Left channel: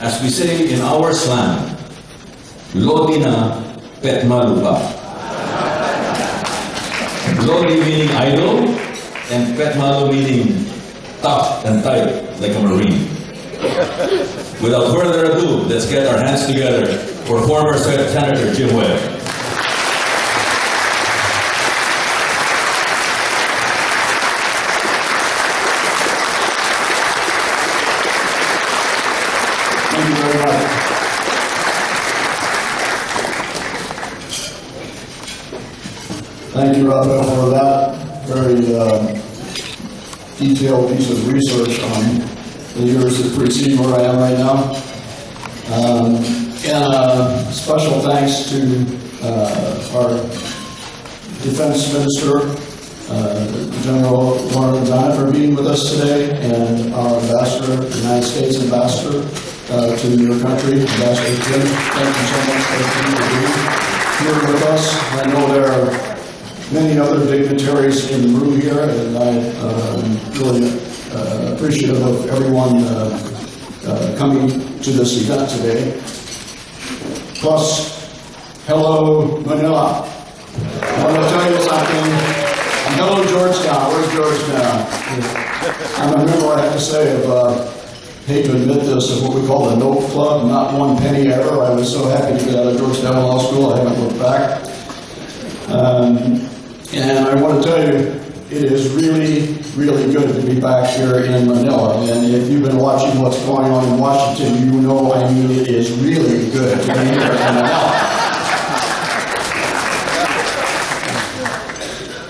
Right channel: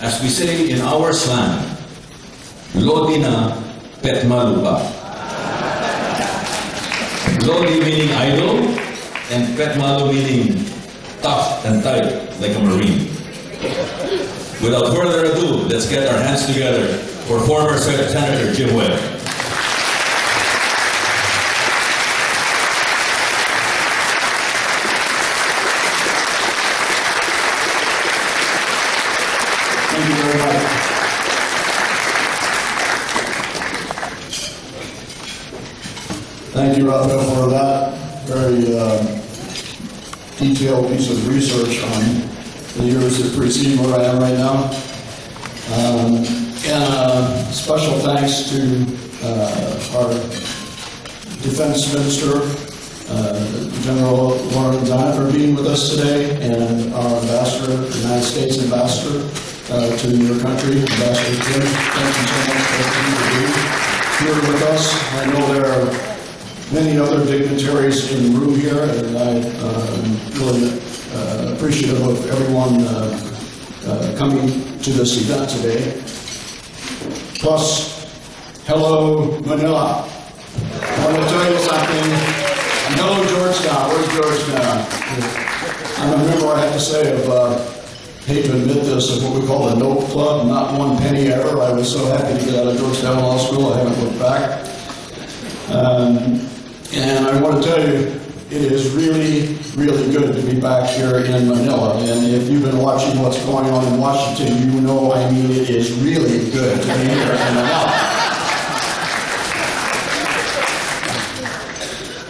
as we say in our slang, Lodi na, pet malu pa. Lodi meaning idle, and pet malu meaning tough and tight, like a Marine. Without further ado, let's get our hands together for former Senator Jim Webb. Thank you very much. Thank you, Raphael, for that very detailed piece of research on the years that precede where I am right now. And special thanks to our Defense Minister, General Warren Zana, for being with us today, and our Ambassador, United States Ambassador to your country, Ambassador Jim. Thank you so much for being here with us. I know there are many other dignitaries in the room here, and I'm really appreciative of everyone coming to this event today. Plus, hello, Manila. I want to tell you something. And hello, Georgetown. Where's Georgetown? I'm a member, I have to say, of, hate to admit this, of what we call the Note Club. Not one penny ever. I was so happy to get out of Georgetown Law School. I haven't looked back. And I want to tell you, it is really, really good to be back here in Manila. And if you've been watching what's going on in Washington, you know, I mean, it is really good to be here in Manila.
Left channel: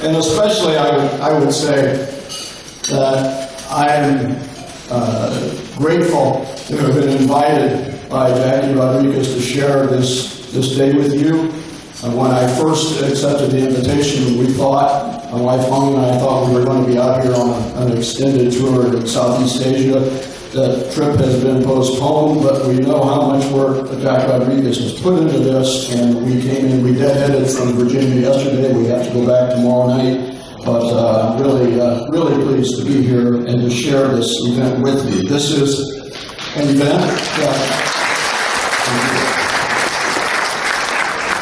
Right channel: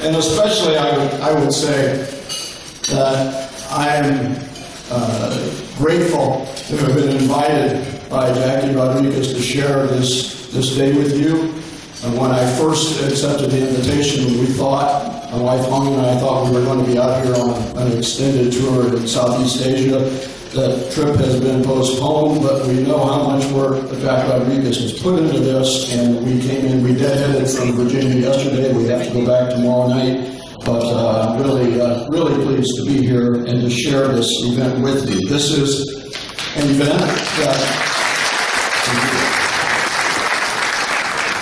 And especially, I would say that I am grateful to have been invited by Jackie Rodriguez to share this day with you. When I first accepted the invitation, we thought, my wife Hong and I thought we were going to be out here on an extended tour in Southeast Asia. The trip has been postponed, but we know how much work Jack Rodriguez has put into this, and we came in, we deadheaded from Virginia yesterday. We have to go back tomorrow night, but really pleased to be here and to share this event with you. This is an event that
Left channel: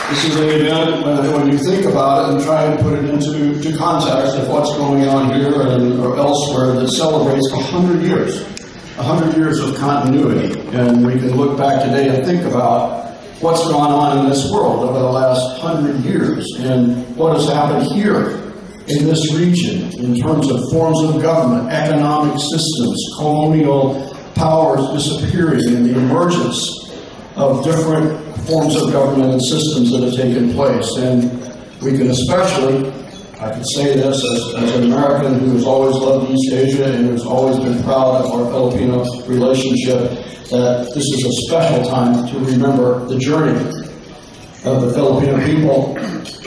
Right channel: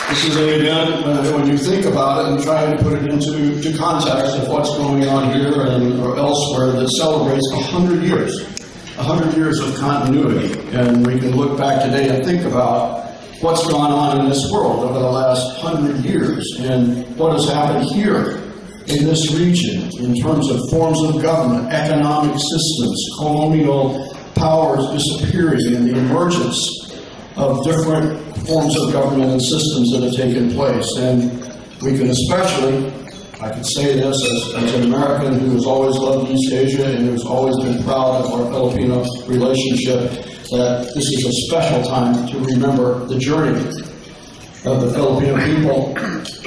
This is an event, when you think about it and try and put it into context of what's going on here or elsewhere, that celebrates 100 years. 100 years of continuity. And we can look back today and think about what's gone on in this world over the last 100 years and what has happened here in this region in terms of forms of government, economic systems, colonial powers disappearing, and the emergence of different forms of government and systems that have taken place. And we can especially, I can say this as an American who has always loved East Asia and who's always been proud of our Filipino relationship, that this is a special time to remember the journey of the Filipino people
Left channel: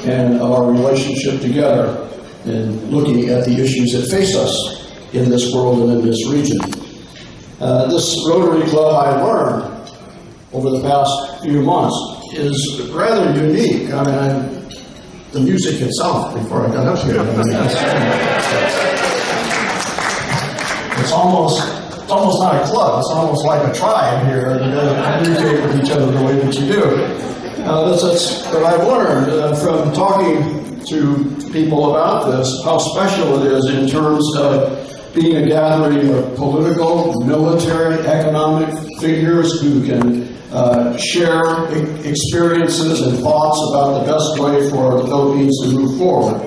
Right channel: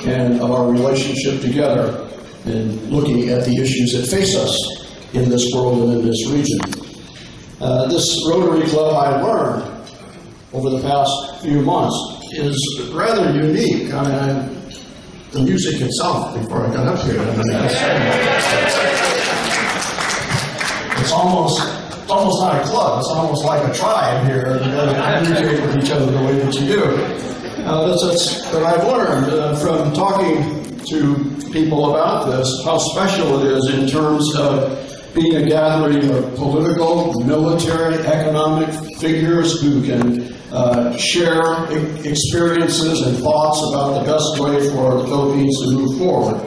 and of our relationship together in looking at the issues that face us in this world and in this region. This Rotary Club, I learned over the past few months, is rather unique. I mean, the music itself, before I got up here, it's almost not a club. It's almost like a tribe here. You got to communicate with each other the way that you do. That's what I've learned from talking to people about this, how special it is in terms of being a gathering of political, military, economic figures who can share experiences and thoughts about the best way for the Philippines to move forward.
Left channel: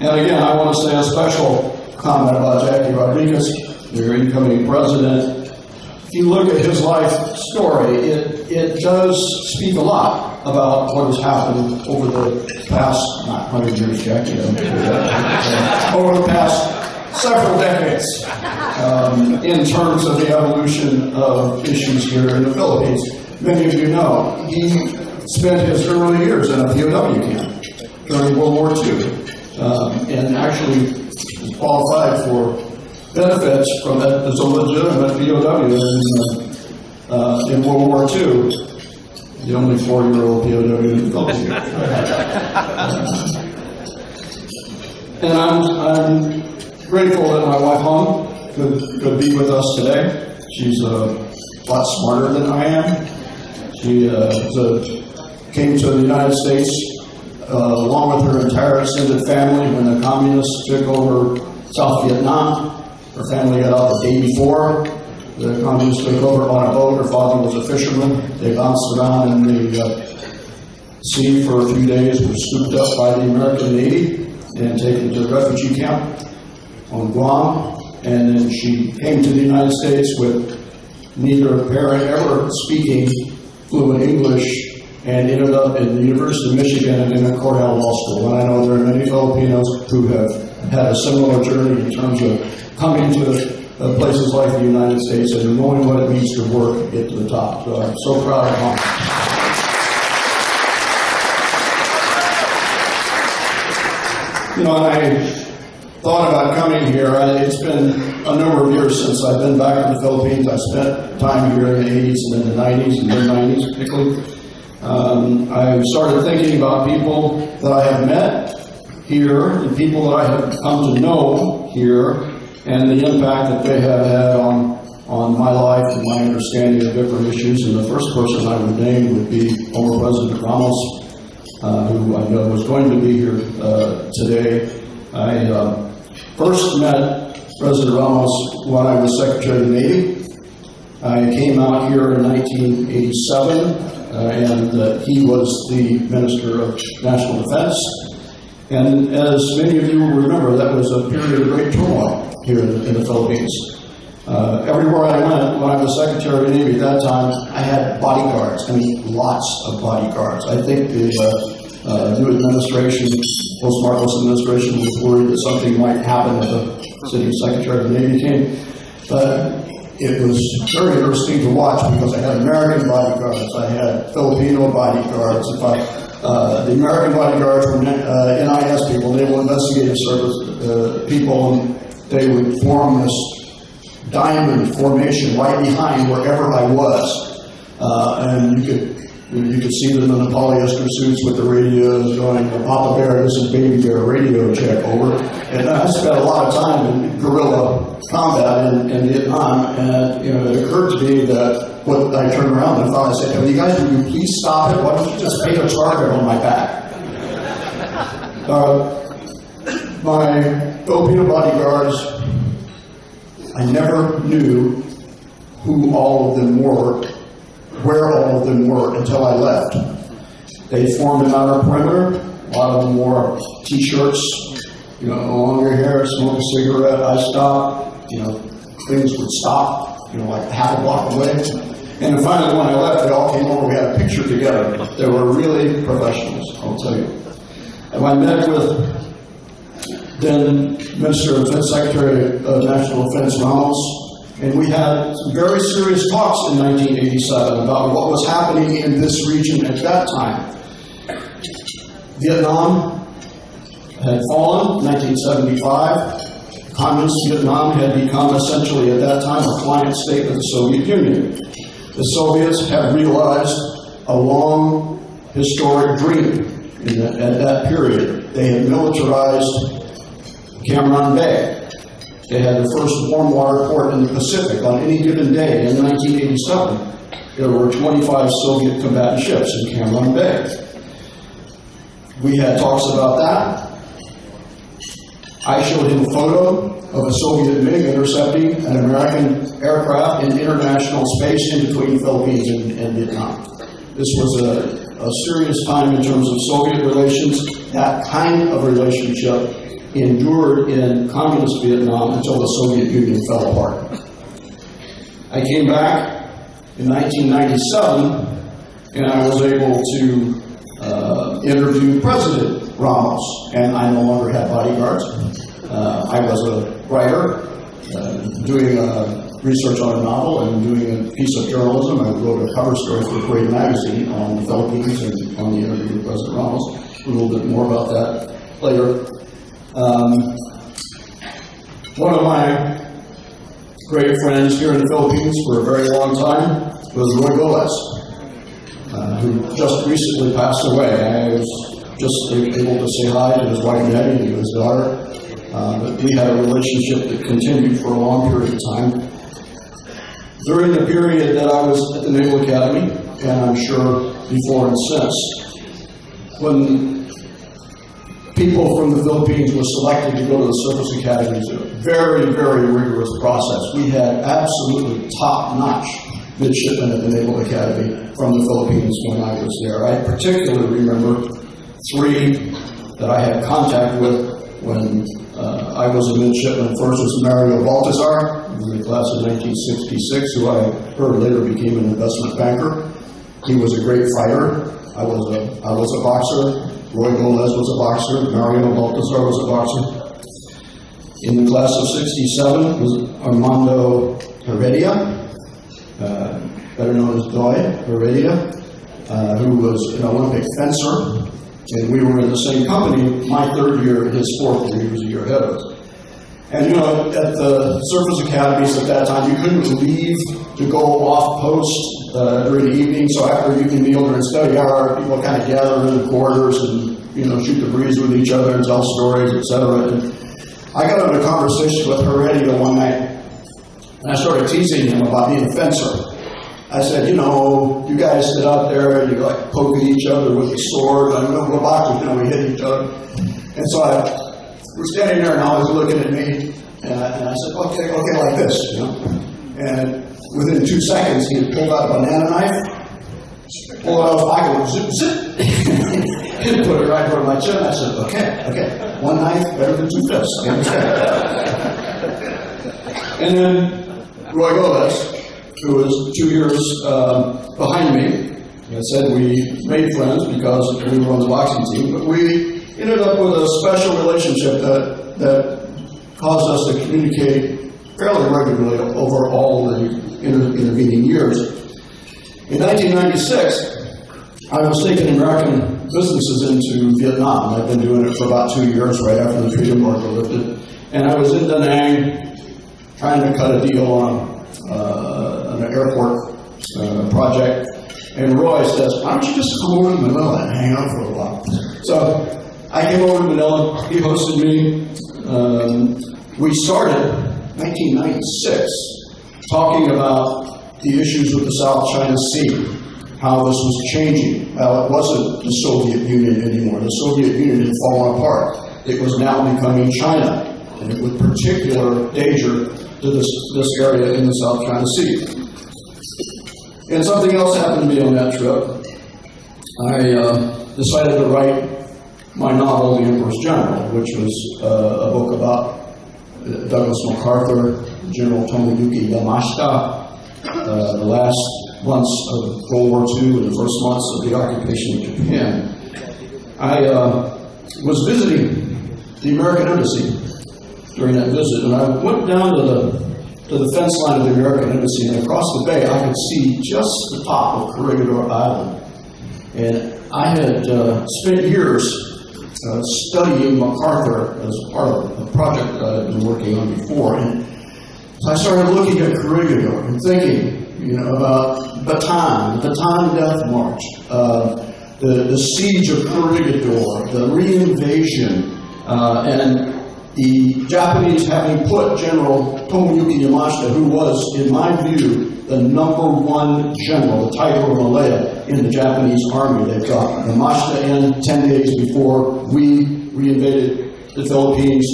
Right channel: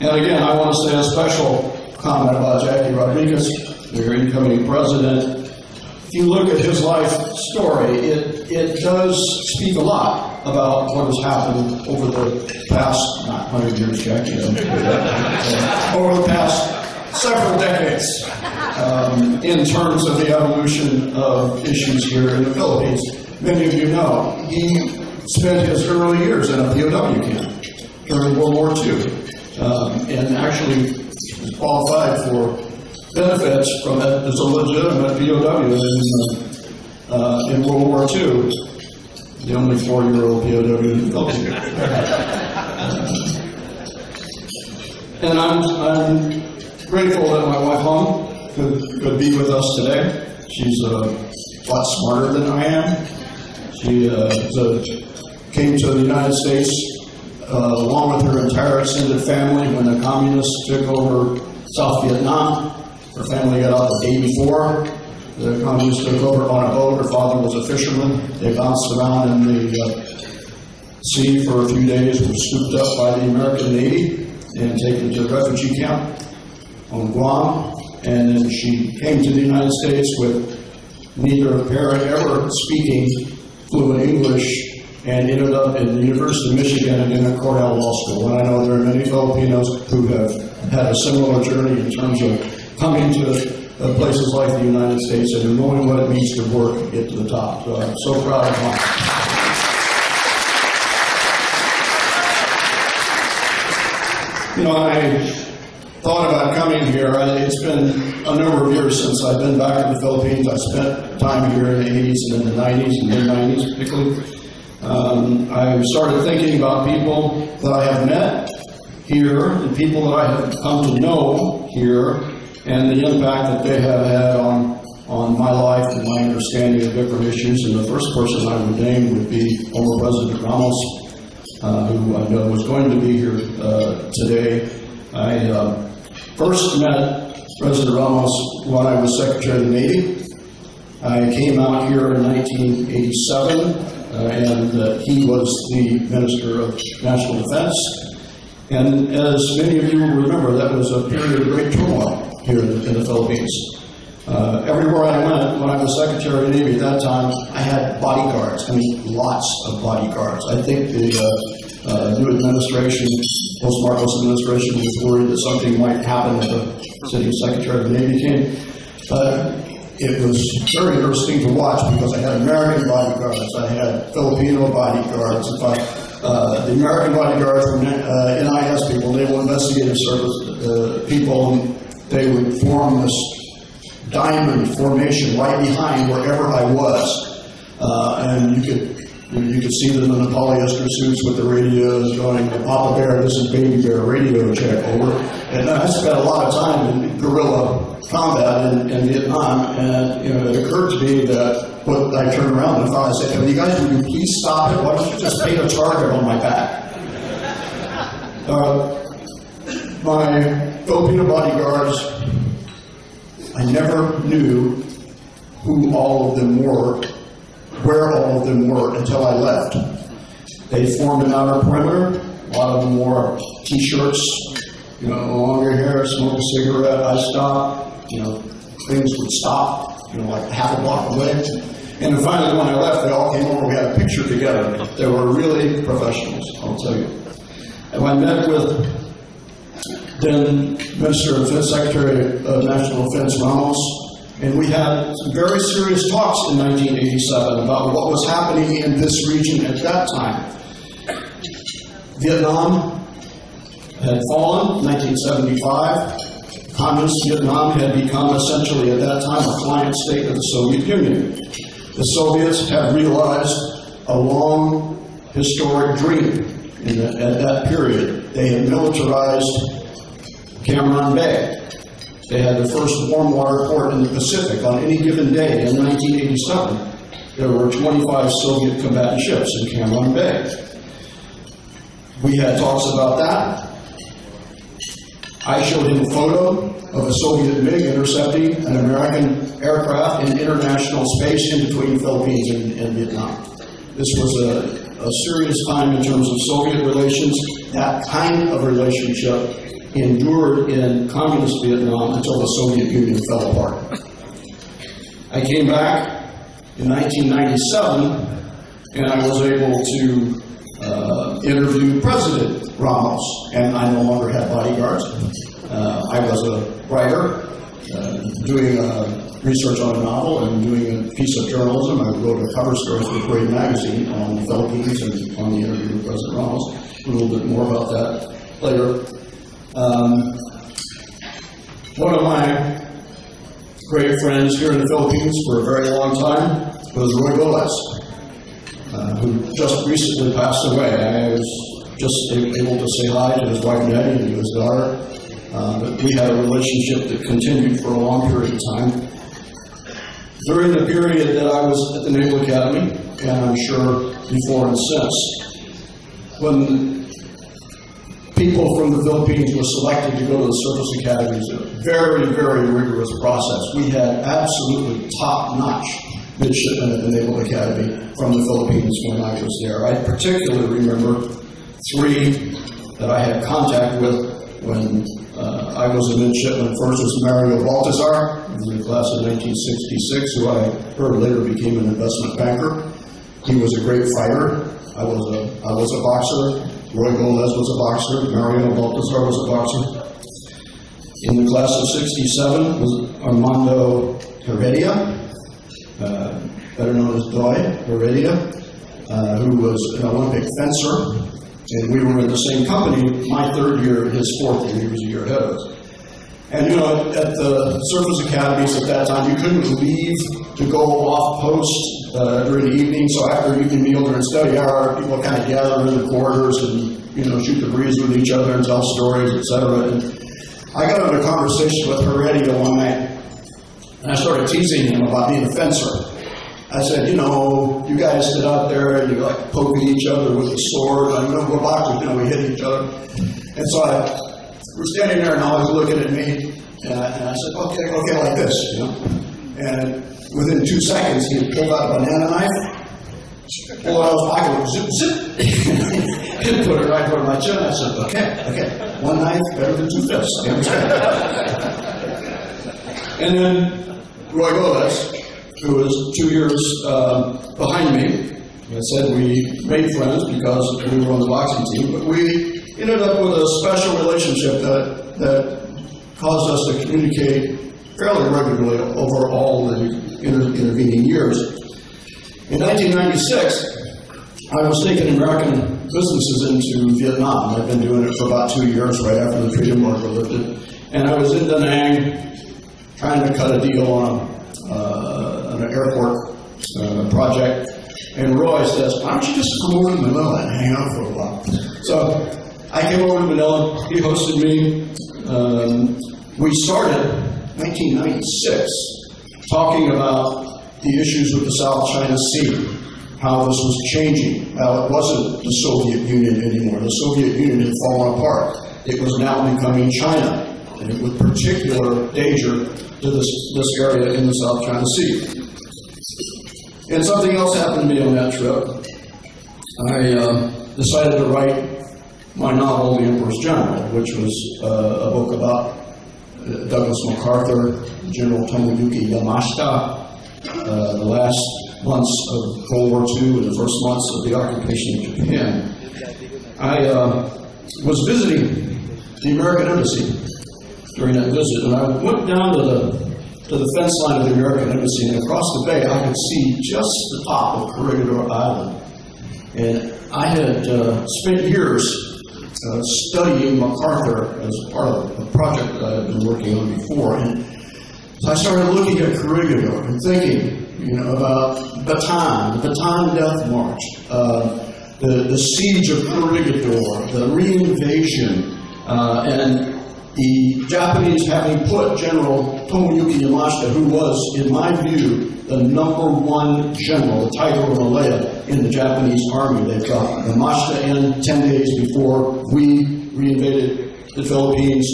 And again, I want to say a special comment about Jackie Rodriguez, your incoming president. If you look at his life story, it does speak a lot about what has happened over the past, not 100 years, Jackie, over the past several decades in terms of the evolution of issues here in the Philippines. Many of you know, he spent his early years in a POW camp during World War II and actually was qualified for benefits from it as a legitimate POW in World War II. The only 4-year-old POW in the Philippines. And I'm grateful that my wife Hong could be with us today. She's lot smarter than I am. She came to the United States along with her entire extended family when the communists took over South Vietnam. Her family got out the day before. The communists took over on a boat. Her father was a fisherman. They bounced around in the sea for a few days, were scooped up by the American Navy and taken to a refugee camp on Guam. And then she came to the United States with neither parent ever speaking fluent English, and ended up in the University of Michigan and in a Cornell Law School. And I know there are many Filipinos who have had a similar journey in terms of coming to places like the United States and knowing what it means to work and get to the top. So I'm so proud of her. You know, I thought about coming here. It's been a number of years since I've been back in the Philippines. I spent time here in the 80s and in the 90s, and mid-90s particularly. I started thinking about people that I have met here and people that I have come to know here and the impact that they have had on my life and my understanding of different issues. And the first person I would name would be former President Ramos, who I know was going to be here today. I first met President Ramos when I was Secretary of the Navy. I came out here in 1987. And he was the Minister of National Defense. And as many of you will remember, that was a period of great turmoil here in the Philippines. Everywhere I went, when I was Secretary of the Navy at that time, I had bodyguards. I mean, lots of bodyguards. I think the new administration, post-Marcos administration, was worried that something might happen if the sitting Secretary of the Navy came. It was very interesting to watch because I had American bodyguards, I had Filipino bodyguards. In fact, the American bodyguards were NIS people, Naval Investigative Service people, and they would form this diamond formation right behind wherever I was. And you could see them in the polyester suits with the radios going, Papa Bear, this is Baby Bear, radio check, over. And I spent a lot of time in guerrilla combat in Vietnam, and it occurred to me that when I turned around and thought, I said, you guys, would you please stop it? Why don't you just paint a target on my back? My Filipino bodyguards, I never knew who all of them were, where all of them were until I left. They formed an outer perimeter. A lot of them wore T-shirts, longer hair, smoke a cigarette. I stopped. Things would stop, like half a block away. And then finally, when I left, they all came over. We had a picture together. They were really professionals, I'll tell you. And I met with then Minister of Defense, Secretary of National Defense Ramos, and we had some very serious talks in 1987 about what was happening in this region at that time. Vietnam had fallen in 1975. Communist Vietnam had become essentially at that time a client state of the Soviet Union. The Soviets had realized a long historic dream at that period. They had militarized Cam Ranh Bay. They had the first warm water port in the Pacific. On any given day in 1987, there were 25 Soviet combatant ships in Cam Ranh Bay. We had talks about that. I showed him a photo of a Soviet MiG intercepting an American aircraft in international space in between the Philippines and Vietnam. This was a serious time in terms of Soviet relations. That kind of relationship endured in communist Vietnam until the Soviet Union fell apart. I came back in 1997, and I was able to interview President Ramos, and I no longer had bodyguards. I was a writer, doing research on a novel and doing a piece of journalism. I wrote a cover story for Parade magazine on the Philippines and on the interview with President Ramos. A little bit more about that later. One of my great friends here in the Philippines for a very long time was Roy Goles, who just recently passed away. I was just able to say hi to his wife Nettie and to his daughter. But we had a relationship that continued for a long period of time. during the period that I was at the Naval Academy, and I'm sure before and since, when people from the Philippines were selected to go to the Surface Academy, it was a very, very rigorous process. We had absolutely top-notch midshipmen at the Naval Academy from the Philippines when I was there. I particularly remember 3 that I had contact with when I was a midshipman. First was Mario Baltazar, in the class of 1966, who I heard later became an investment banker. He was a great fighter. I was a boxer. Roy Gomez was a boxer. Mario Baltazar was a boxer. In the class of 67 was Armando Heredia, better known as Doy Heredia, who was an Olympic fencer. And we were in the same company, my 3rd year, his 4th year. He was a year ahead of us. And you know, at the surface academies at that time, you couldn't leave to go off post during the evening. So after an evening meal during study hour, people kind of gather in the corridors and, you know, shoot the breeze with each other and tell stories, etc. And I got into a conversation with Heredia one night, and I started teasing him about being a fencer. I said, you know, you guys sit out there and you like poke at each other with a sword. I know we're boxers, you know, we hit each other. And so we're standing there and I was looking at me, and I said, okay, like this, you know. And within 2 seconds, he had pulled out a banana knife, pulled it out of his pocket, and zip, zip, and put it right over my chin. I said, okay, 1 knife better than 2 fists. You understand? And then Roy Gomez, who was 2 years behind me, I said we made friends because we were on the boxing team, but we ended up with a special relationship that caused us to communicate fairly regularly over all the intervening years. In 1996, I was taking American businesses into Vietnam. I'd been doing it for about 2 years right after the trade embargo lifted. And I was in Da Nang trying to cut a deal on an airport project. And Roy says, why don't you just come over to Manila and hang out for a while? So I came over to Manila, he hosted me. We started 1996 talking about the issues with the South China Sea, how this was changing. Well, it wasn't the Soviet Union anymore. The Soviet Union had fallen apart. It was now becoming China, and it with particular danger to this area in the South China Sea. And something else happened to me on that trip. I decided to write my novel, The Emperor's General, which was a book about Douglas MacArthur, General Tomoyuki Yamashita, the last months of World War II and the first months of the occupation of Japan. I was visiting the American Embassy during that visit, and I went down to the fence line of the American Embassy, and across the bay I could see just the top of Corregidor Island. And I had spent years studying MacArthur as part of a project that I had been working on before. And so I started looking at Corregidor and thinking, you know, about Bataan, the Bataan Death March, the siege of Corregidor, the reinvasion, and the Japanese having put General Tomoyuki Yamashita, who was, in my view, the #1 general, the Tiger of Malaya, in the Japanese army. They got Yamashita in 10 days before we reinvaded the Philippines.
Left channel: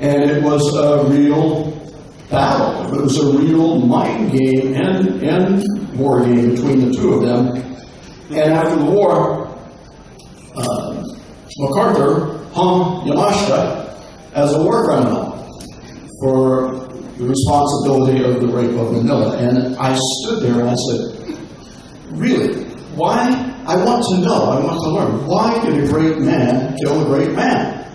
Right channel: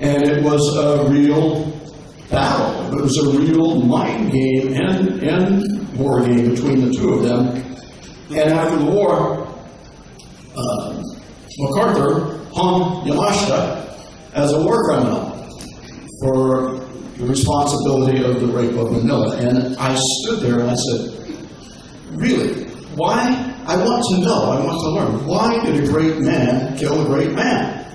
And it was a real battle. It was a real mind game and war game between the two of them. And after the war, MacArthur hung Yamashita as a war criminal for the responsibility of the rape of Manila. And I stood there and I said, really? Why? I want to know, I want to learn. Why did a great man kill a great man?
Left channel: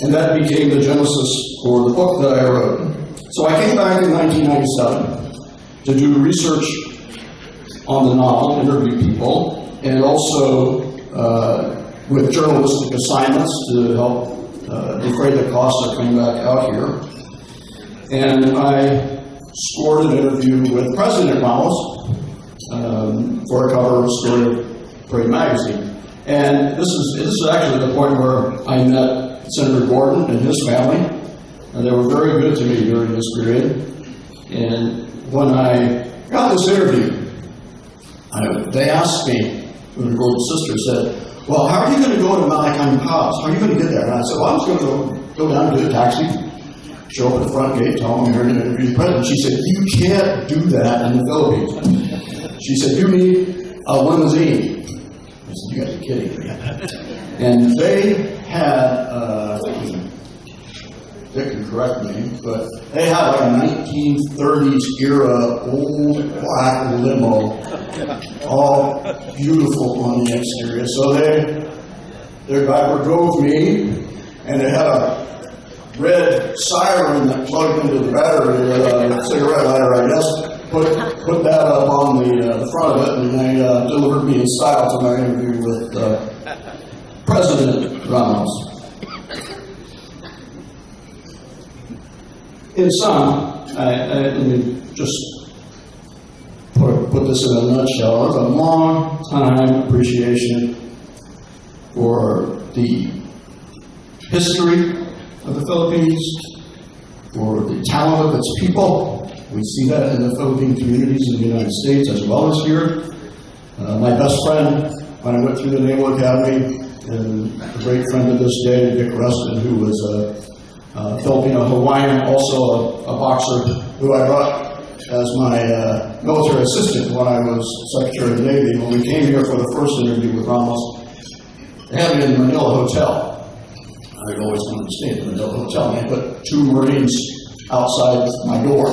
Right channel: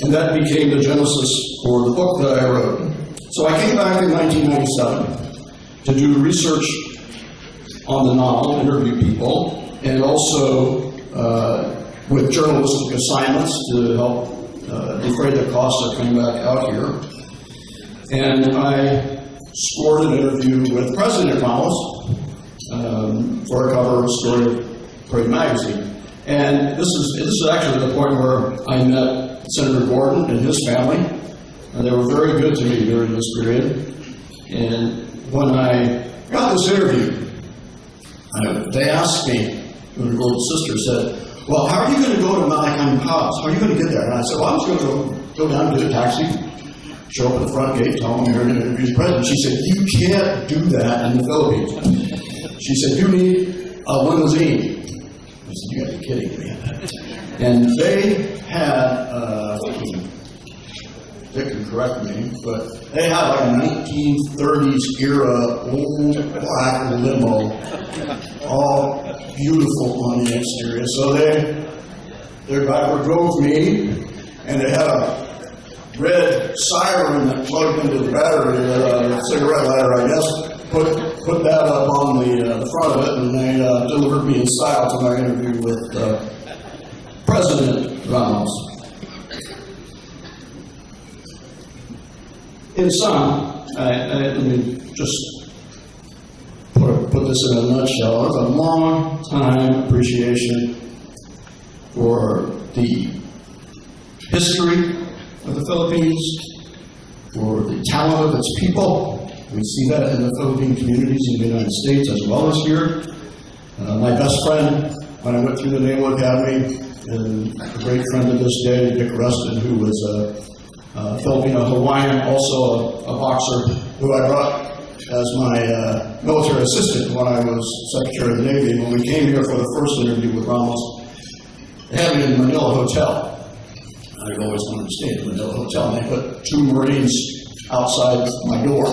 And that became the genesis for the book that I wrote. So I came back in 1997 to do research on the novel, interview people, and also with journalistic assignments to help defray the costs of coming back out here. And I scored an interview with President Ramos for a cover story of Parade magazine. And this is actually the point where I met Senator Gordon and his family. And they were very good to me during this period. And when I got this interview. They asked me, the girl's sister said, well, how are you going to go to Malacan House? How are you going to get there? And I said, well, I'm just going to go down, get a taxi, show up at the front gate, tell them I'm here to interview the president. She said, you can't do that in the Philippines. She said, you need a limousine. I said, you got to be kidding me. And they had, Dick can correct me, but they had like a 1930s era old black limo, all beautiful on the exterior. So their driver drove me, and they had a red siren that plugged into the battery, a cigarette lighter, I guess. Put that up on the front of it, and they delivered me in style to my interview with President Ramos. In sum, let me just put this in a nutshell. There's a long time appreciation for the history of the Philippines, for the talent of its people. We see that in the Philippine communities in the United States as well as here. My best friend, when I went through the Naval Academy, and a great friend to this day, Dick Rustin, who was a Filipino Hawaiian, also a boxer, who I brought as my military assistant when I was Secretary of the Navy. When we came here for the first interview with Ramos, they had me in the Manila Hotel. I'd always wanted to stay at the Manila Hotel, and they put 2 Marines outside my door.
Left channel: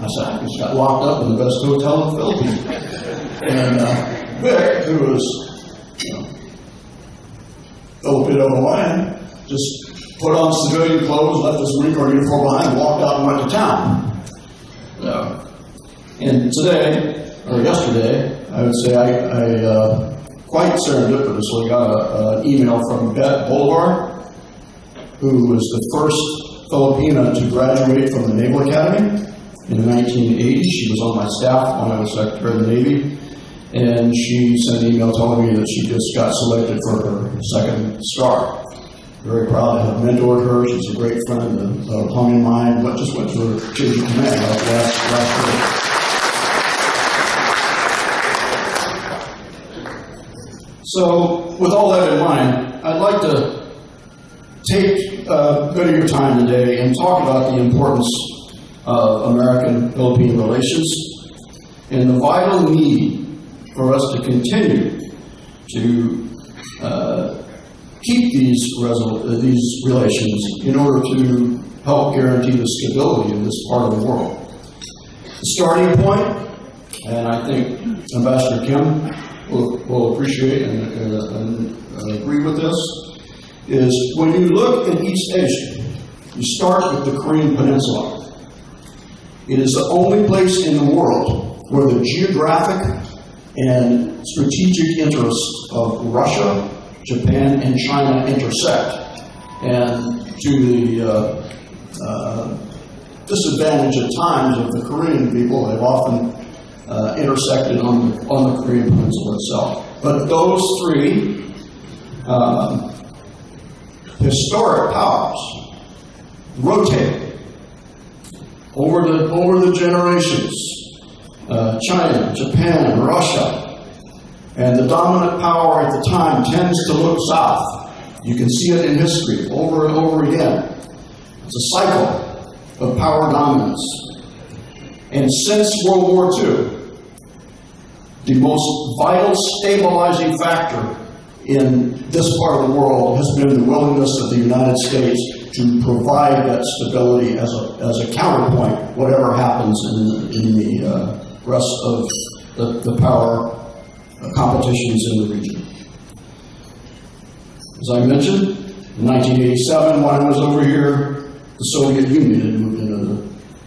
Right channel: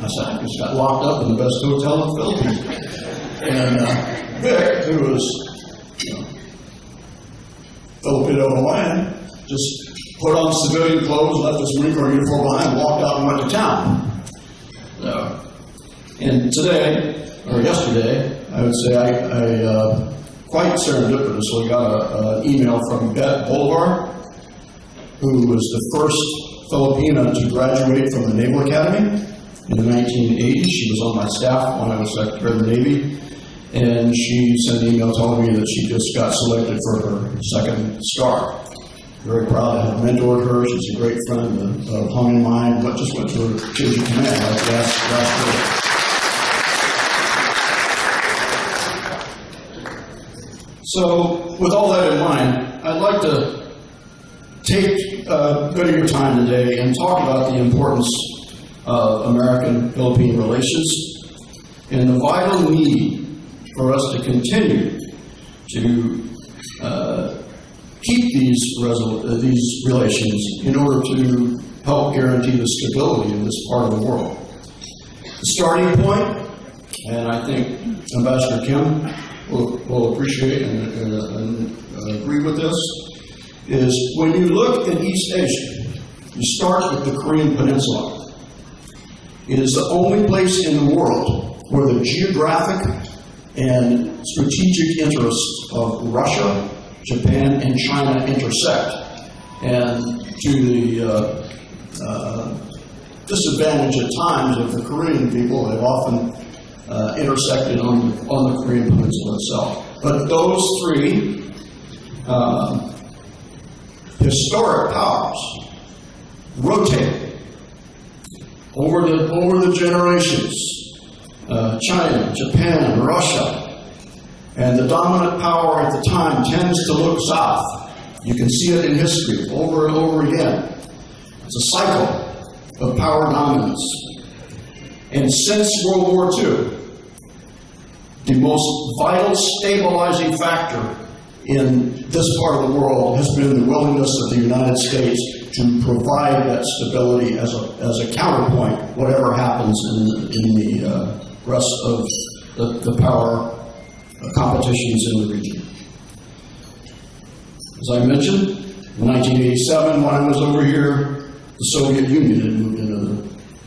I said, I just got locked up in the best hotel in the Philippines. And Vic, who was, Filipino Hawaiian, just put on civilian clothes, left his Marine Corps uniform behind, walked out and went to town. And today, or yesterday, I would say I quite serendipitously got an email from Bette Bolivar, who was the first Filipina to graduate from the Naval Academy in the 1980s. She was on my staff when I was Secretary of the Navy, and she sent an email telling me that she just got selected for her second star. Very proud to have mentored her. She's a great friend, a hung in mind, but just went to her change of command last year. So, with all that in mind, I'd like to take a bit of your time today and talk about the importance of American-Philippine relations and the vital need for us to continue to keep these relations in order to help guarantee the stability of this part of the world. The starting point, and I think Ambassador Kim will appreciate and agree with this, is when you look at East Asia, you start with the Korean Peninsula. It is the only place in the world where the geographic and strategic interests of Russia, Japan, and China intersect. And to the disadvantage at times of the Korean people, they've often intersected on the Korean Peninsula itself. But those 3 historic powers rotate over the generations. China, Japan, and Russia. And the dominant power at the time tends to look south. You can see it in history over and over again. It's a cycle of power dominance. And since World War II, the most vital stabilizing factor in this part of the world has been the willingness of the United States to provide that stability as a counterpoint, whatever happens in the rest of the power competitions in the region. As I mentioned, in 1987, when I was over here, the Soviet Union had moved into the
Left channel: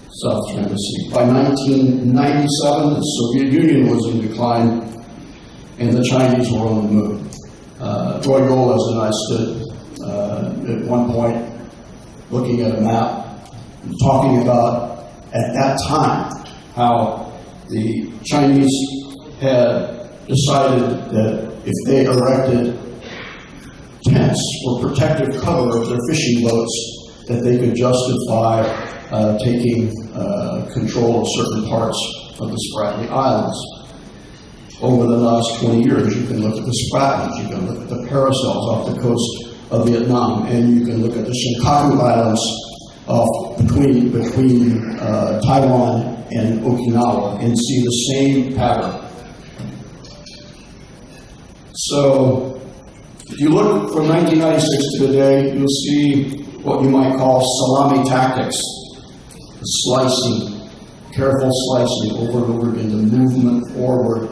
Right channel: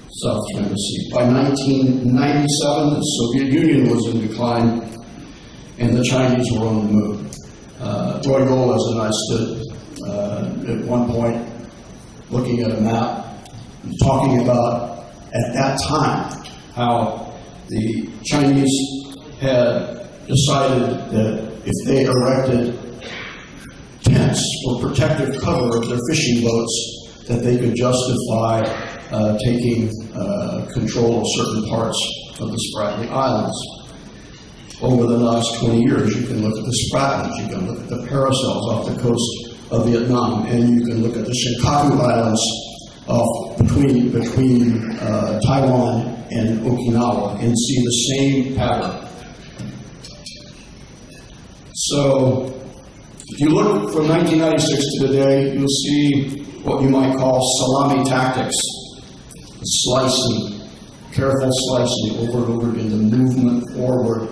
South China Sea. By 1997, the Soviet Union was in decline, and the Chinese were on the move. Roy Golas and I stood at one point looking at a map and talking about, at that time, how the Chinese had decided that if they erected tents for protective cover of their fishing boats, that they could justify taking control of certain parts of the Spratly Islands. Over the last 20 years, you can look at the Spratlys, you can look at the Paracels off the coast of Vietnam, and you can look at the Senkaku Islands between Taiwan and Okinawa and see the same pattern. So, if you look from 1996 to today, you'll see what you might call salami tactics, slicing, careful slicing over and over again, the movement forward.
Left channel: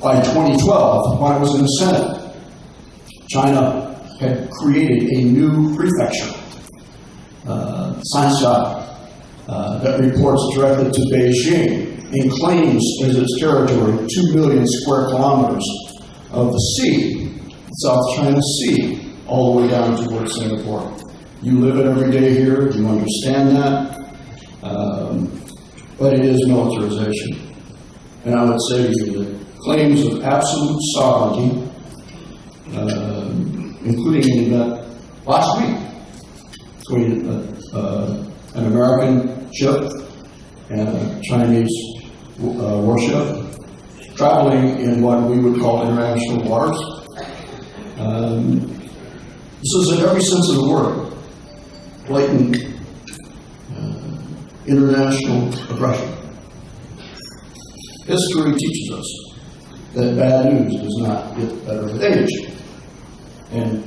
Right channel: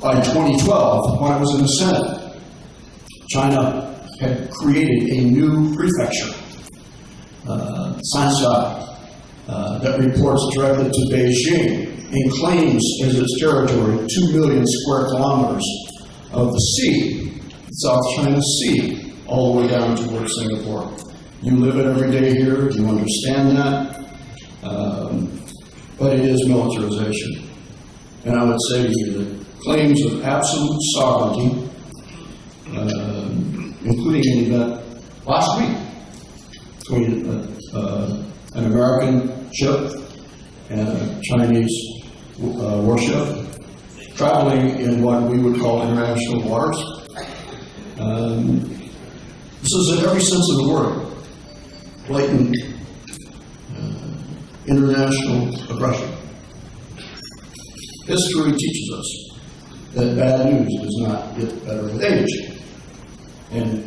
By 2012, when I was in the Senate, China had created a new prefecture, Sansha, that reports directly to Beijing and claims as its territory 2 million square kilometers of the sea, South China Sea, all the way down towards Singapore. You live it every day here, you understand that, but it is militarization. And I would say to you that claims of absolute sovereignty, including an event last week between an American ship and a Chinese warship traveling in what we would call international waters. This is in every sense of the word, blatant international aggression. History teaches us that bad news does not get better with age. And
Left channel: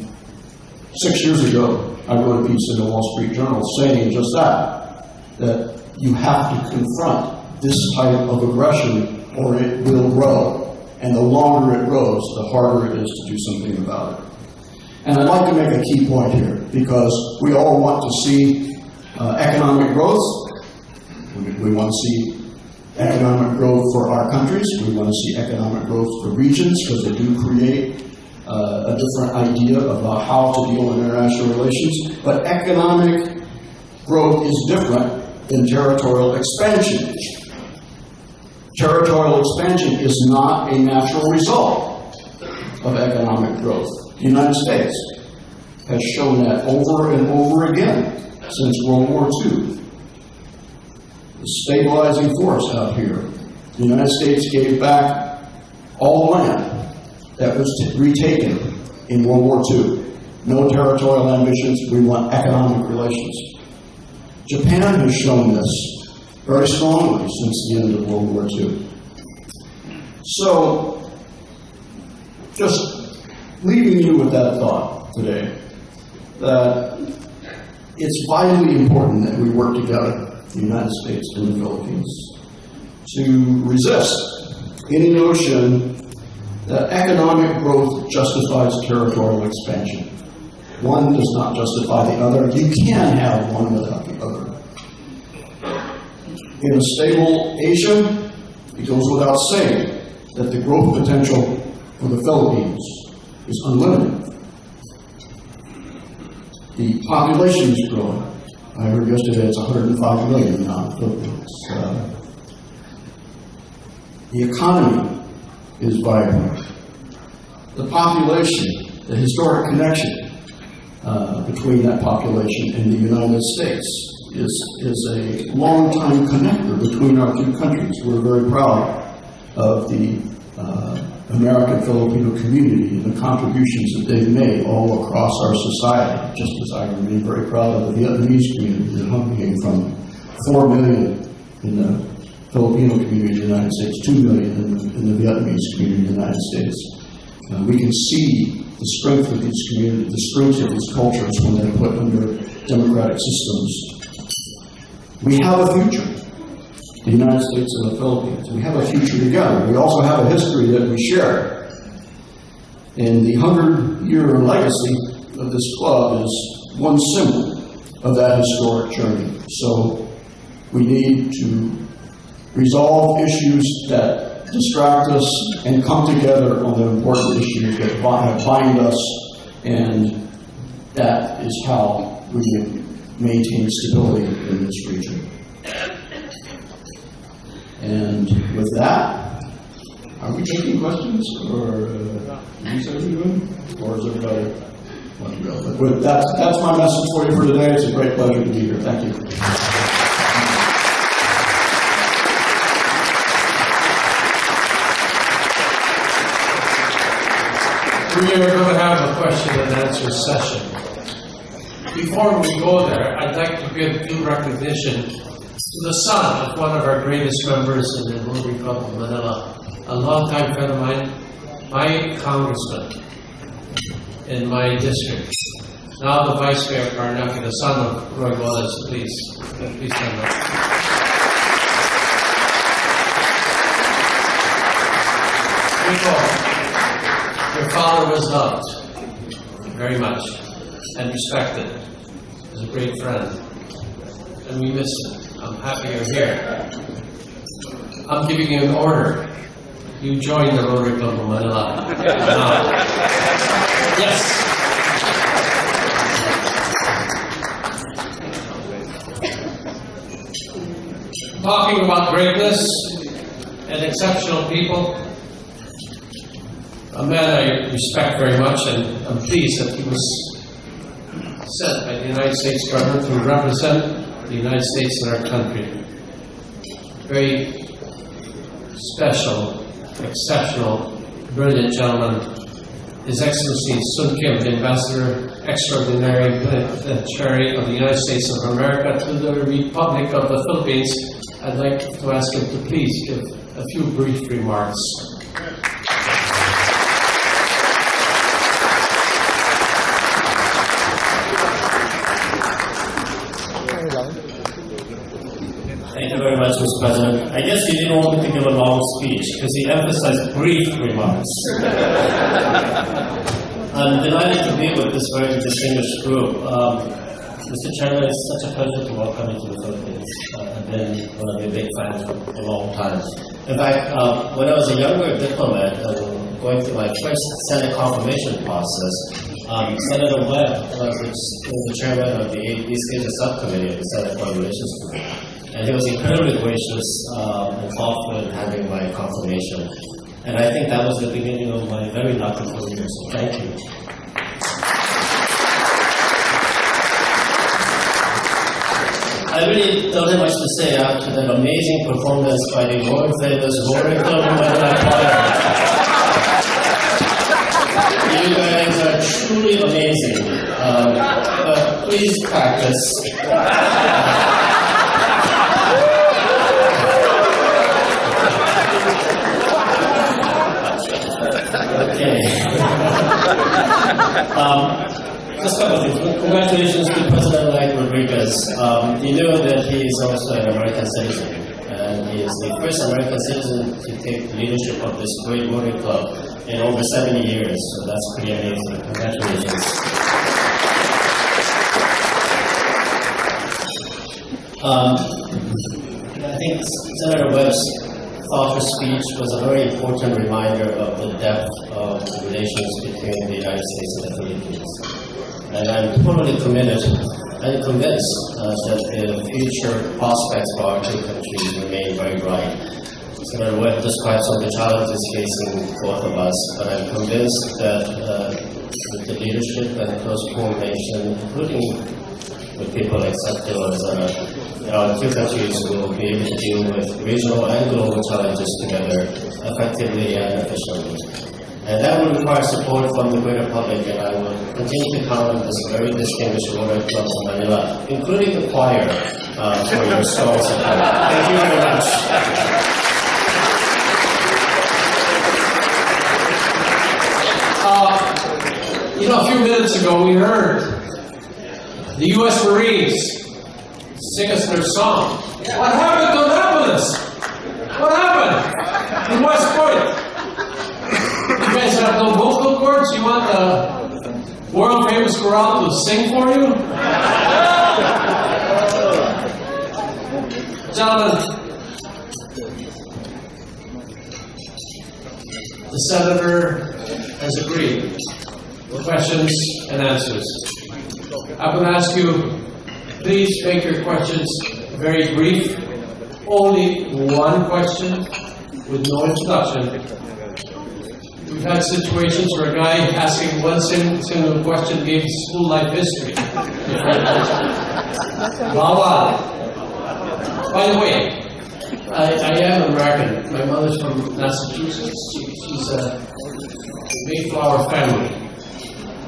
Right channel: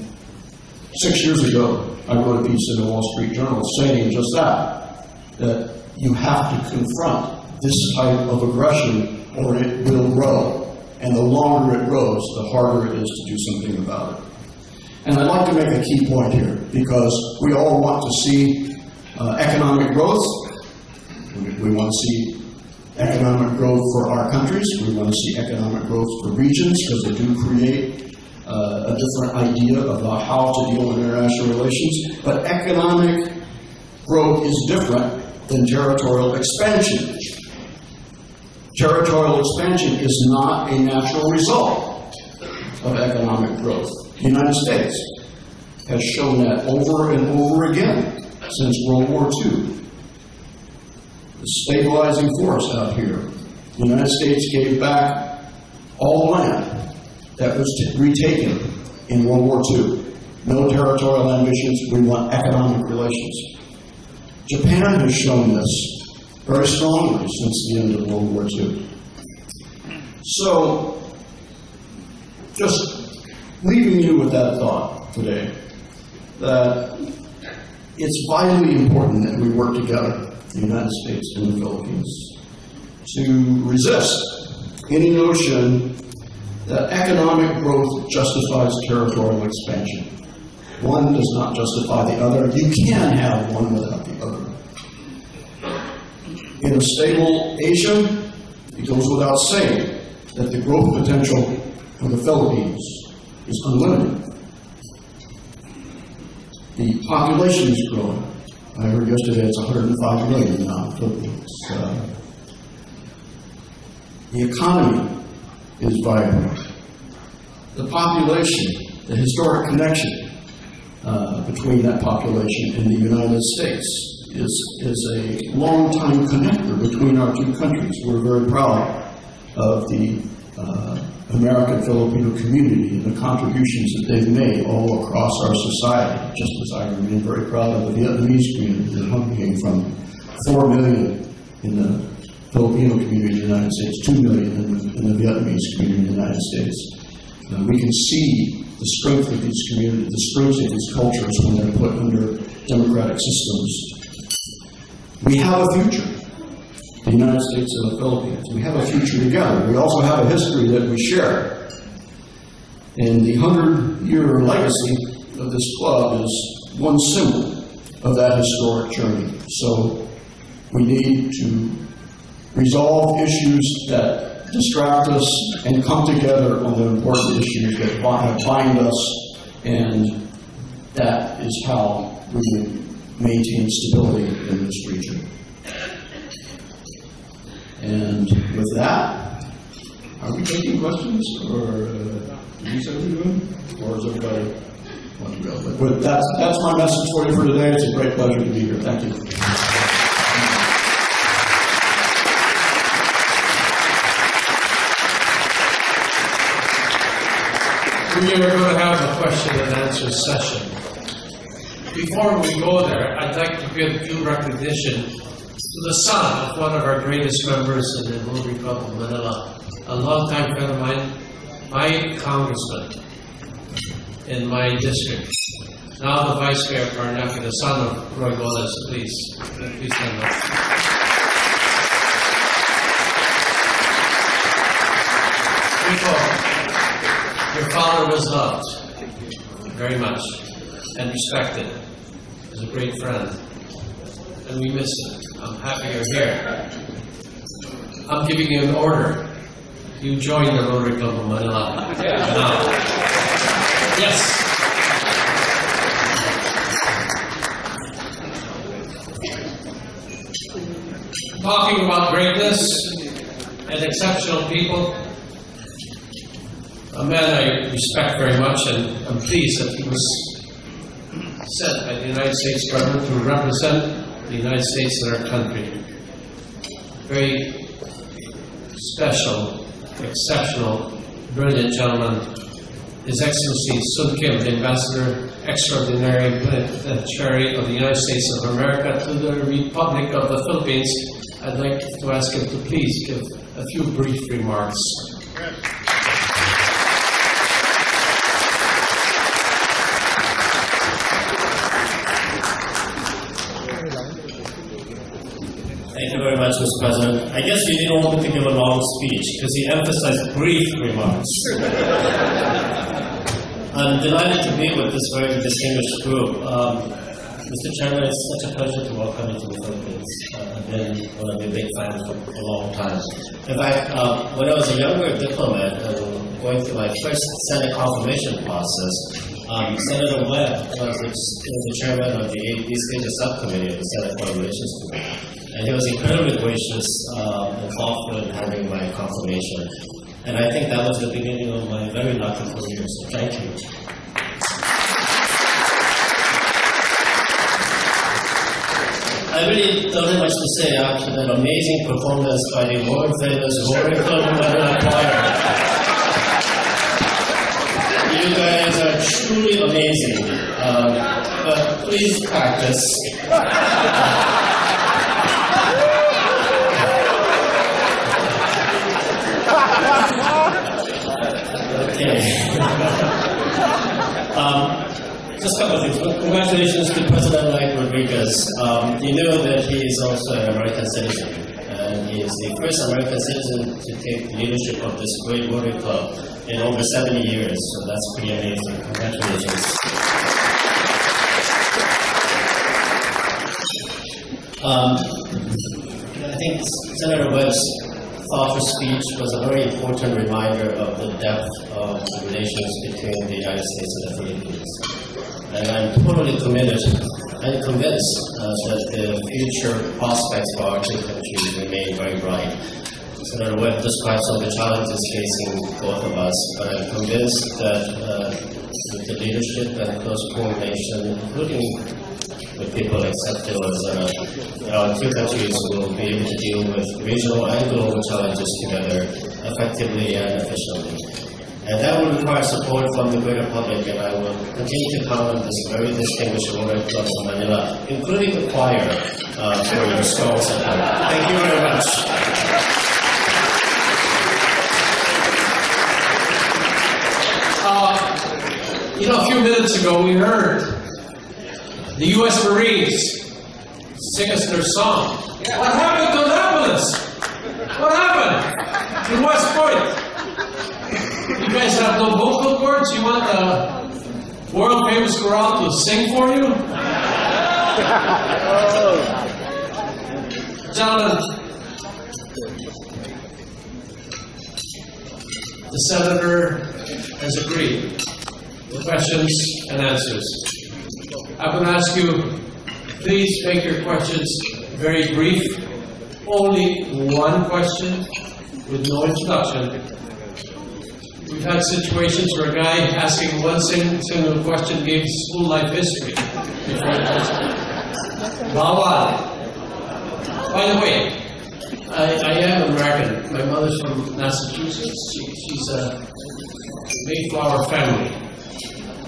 6 years ago, I wrote a piece in the Wall Street Journal saying just that you have to confront this type of aggression or it will grow. And the longer it grows, the harder it is to do something about it. And I'd like to make a key point here, because we all want to see economic growth. We want to see economic growth for our countries. We want to see economic growth for regions, because they do create a different idea about how to deal with international relations. But economic growth is different than territorial expansion. Territorial expansion is not a natural result of economic growth. The United States has shown that over and over again since World War II. The stabilizing force out here. The United States gave back all the land that was retaken in World War II. No territorial ambitions, we want economic relations. Japan has shown this very strongly since the end of World War II. So, just leaving you with that thought today, that it's vitally important that we work together, the United States and the Philippines, to resist any notion that economic growth justifies territorial expansion. One does not justify the other. You can have one without the other. In a stable Asia, it goes without saying that the growth potential for the Philippines is unlimited. The population is growing. I heard yesterday it's 105 million now in the Philippines. The economy is vibrant. The population, the historic connection between that population and the United States is a long-time connector between our two countries. We're very proud of the American-Filipino community and the contributions that they've made all across our society, just as I remain very proud of the Vietnamese community that Hung came from. 4 million in the Filipino community in the United States, 2 million in the Vietnamese community in the United States. We can see the strength of these communities, the strength of these cultures when they're put under democratic systems. We have a future, the United States and the Philippines. We have a future together. We also have a history that we share. And the 100-year legacy of this club is one symbol of that historic journey. So we need to resolve issues that distract us and come together on the important issues that bind us, and that is how we maintain stability in this region. And with that, are we taking questions, or is everybody want to go? But that's my message for you for today. It's a great pleasure to be here. Thank you. We are going to have a question and answer session. Before we go there, I'd like to give due recognition to the son of one of our greatest members in the Rotary Club of Manila, a longtime friend of mine, my congressman in my district, now the Vice Mayor of Paranaque, the son of Roy Wallace. Please stand up. Rico, your father was loved very much and respected. He was a great friend, and we miss him. I'm happy you're here. I'm giving you an order. You join the Rotary Club of Manila. Now. Yes. Talking about greatness and exceptional people, a man I respect very much, and I'm pleased that he was sent by the United States government to represent the United States in our country. Very special, exceptional, brilliant gentleman, His Excellency Sun Kim, the Ambassador Extraordinary Plenipotentiary of the United States of America to the Republic of the Philippines. I'd like to ask him to please give a few brief remarks. Thank you very much, Mr. President. I guess you didn't want me to give a long speech because you emphasized brief remarks. I'm delighted to be with this very distinguished group. Mr. Chairman, it's such a pleasure to welcome you to the Philippines. I've been one of your big fans for a long time. In fact, when I was a younger diplomat going through my first Senate confirmation process, Senator Webb was the chairman of the East Asia Subcommittee of the Senate Foreign Relations Committee. And he was incredibly gracious and thoughtful in having my confirmation. And I think that was the beginning of my very lucky career, so thank you. I really don't have much to say after that amazing performance by the world famous Rotary Club of Manila Choir. You guys are truly amazing. But please practice. Just a couple of things. Congratulations to President-elect Rodriguez. You know that he is also an American citizen, and he is the first American citizen to take the leadership of this great Rotary Club in over 70 years, so that's pretty amazing. Congratulations. I think Senator Webb's thoughtful speech was a very important reminder of the depth of the relations between the United States and the Philippines. And I'm totally committed and convinced that the future prospects for our two countries remain very bright. Senator Webb described some of the challenges facing both of us, but I'm convinced that with the leadership and close coordination, including with people like Secretary Lozada, our two countries will be able to deal with regional and global challenges together effectively and efficiently. And that will require support from the greater public, and I will continue to count on this very distinguished Rotary Club of Manila, including the choir, for your strong support. Thank you very much. A few minutes ago we heard the U.S. Marines sing us their song. What happened to Annapolis? What happened in West Point? You guys have no vocal cords? You want the world-famous chorale to sing for you? Gentlemen, the Senator has agreed. Questions and answers. I'm going to ask you, please make your questions very brief. Only one question with no introduction. We've had situations where a guy asking one single question gave school life history. Bawal. By the way, I am American. My mother's from Massachusetts. She's Mayflower family.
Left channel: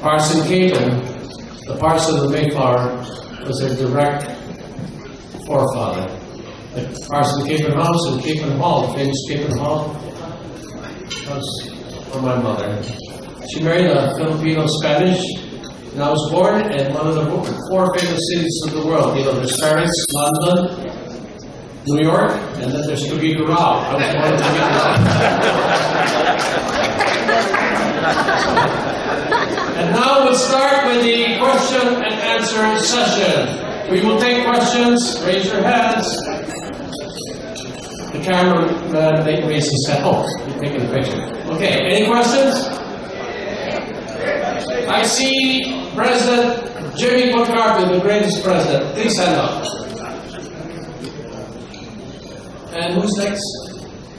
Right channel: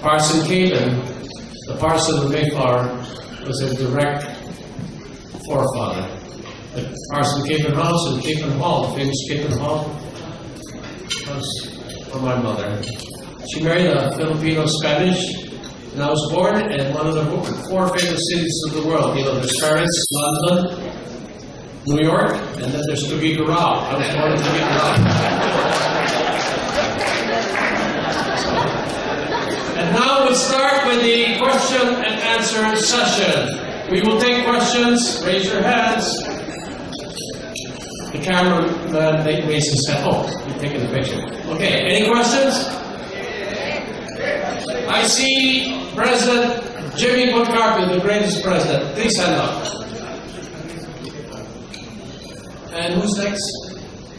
Parson Capon, the parson of Mayflower, was a direct forefather. The Parson Capon House and Capon Hall, the famous Capon Hall, was for my mother. She married a Filipino-Spanish, and I was born in one of the 4 famous cities of the world. You know, there's Paris, London, New York, and then there's Tuguegarao. I was born in Tuguegarao. And now we'll start with the question and answer session. We will take questions. Raise your hands. The cameraman raised his hand. Oh, you're taking the picture. Okay, any questions? I see President Jimmy McCarthy, the greatest president. Please stand up. And who's next?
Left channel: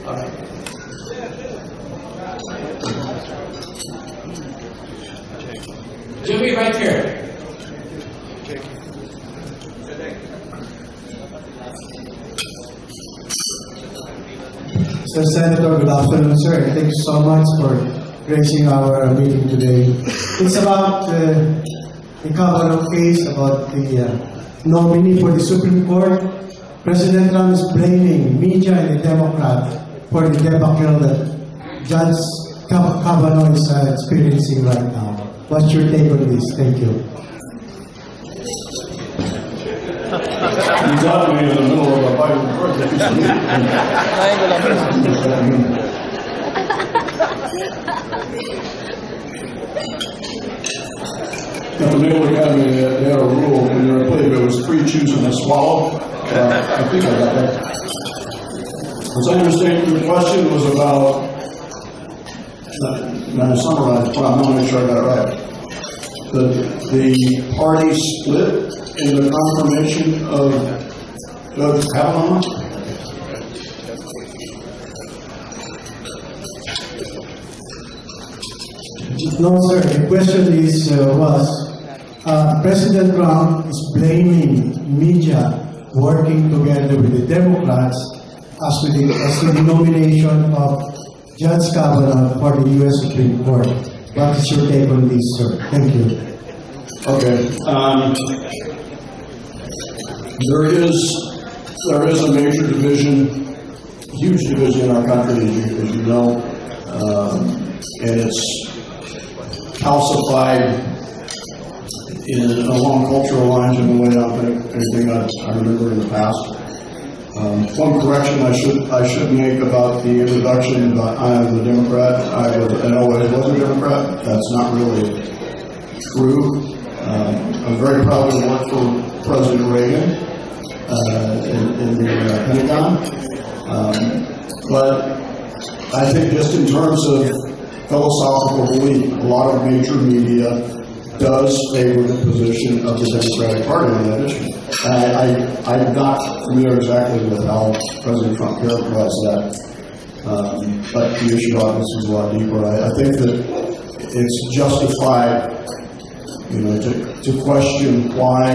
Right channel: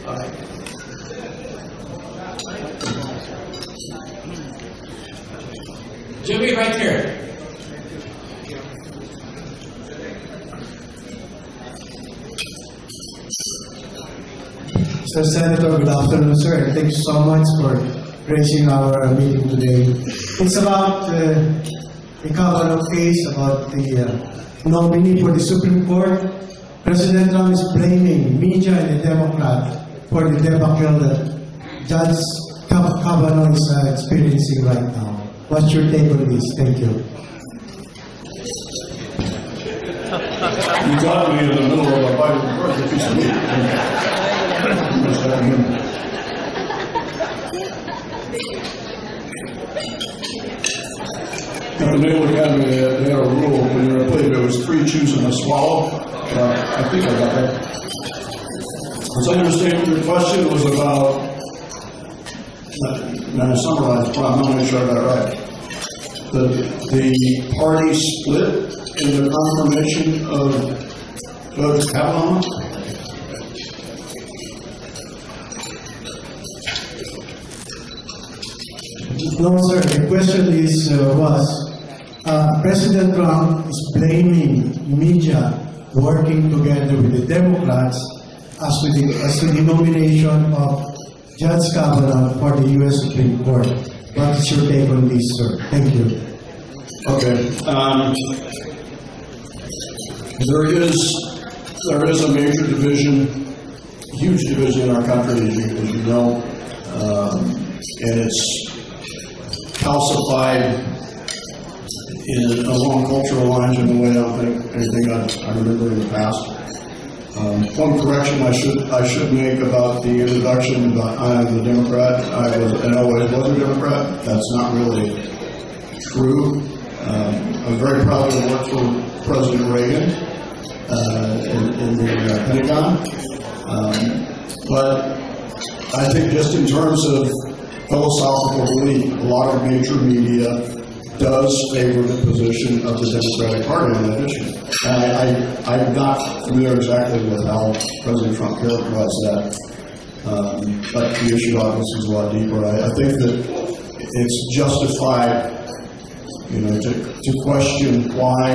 All right. Jimmy, right here. Mr. Senator, good afternoon, sir. Thank you so much for gracing our meeting today. It's about the Kavanaugh case, about the nominee for the Supreme Court. President Trump is blaming media and the Democrat for the debacle that Judge Kavanaugh is experiencing right now. What's your take on this? Thank you. You got me in the middle of a Bible verse. At the Naval Academy, they had a rule when you were a play, there was 3 chews and a swallow. I think I got that. As I understand, your question was about, and I summarized, but I'm not really sure I got it right. The party split in the confirmation of Judge Kavanaugh? No, sir. The question was President Trump is blaming media working together with the Democrats as to the nomination of Judge Kavanaugh for the U.S. Supreme Court. What is your take on this, sir? Thank you. Okay. There is a major division, huge division in our country, as you know, and it's calcified along cultural lines in a way I don't think anything I remember in the past. One correction I should make about the introduction about I am a Democrat. I always was a Democrat. That's not really true. I'm very proud to work for President Reagan in the Pentagon. But I think just in terms of philosophical belief, a lot of major media does favor the position of the Democratic Party on that issue. I'm not familiar exactly with how President Trump characterized that, but the issue obviously is a lot deeper. I think that it's justified, to question why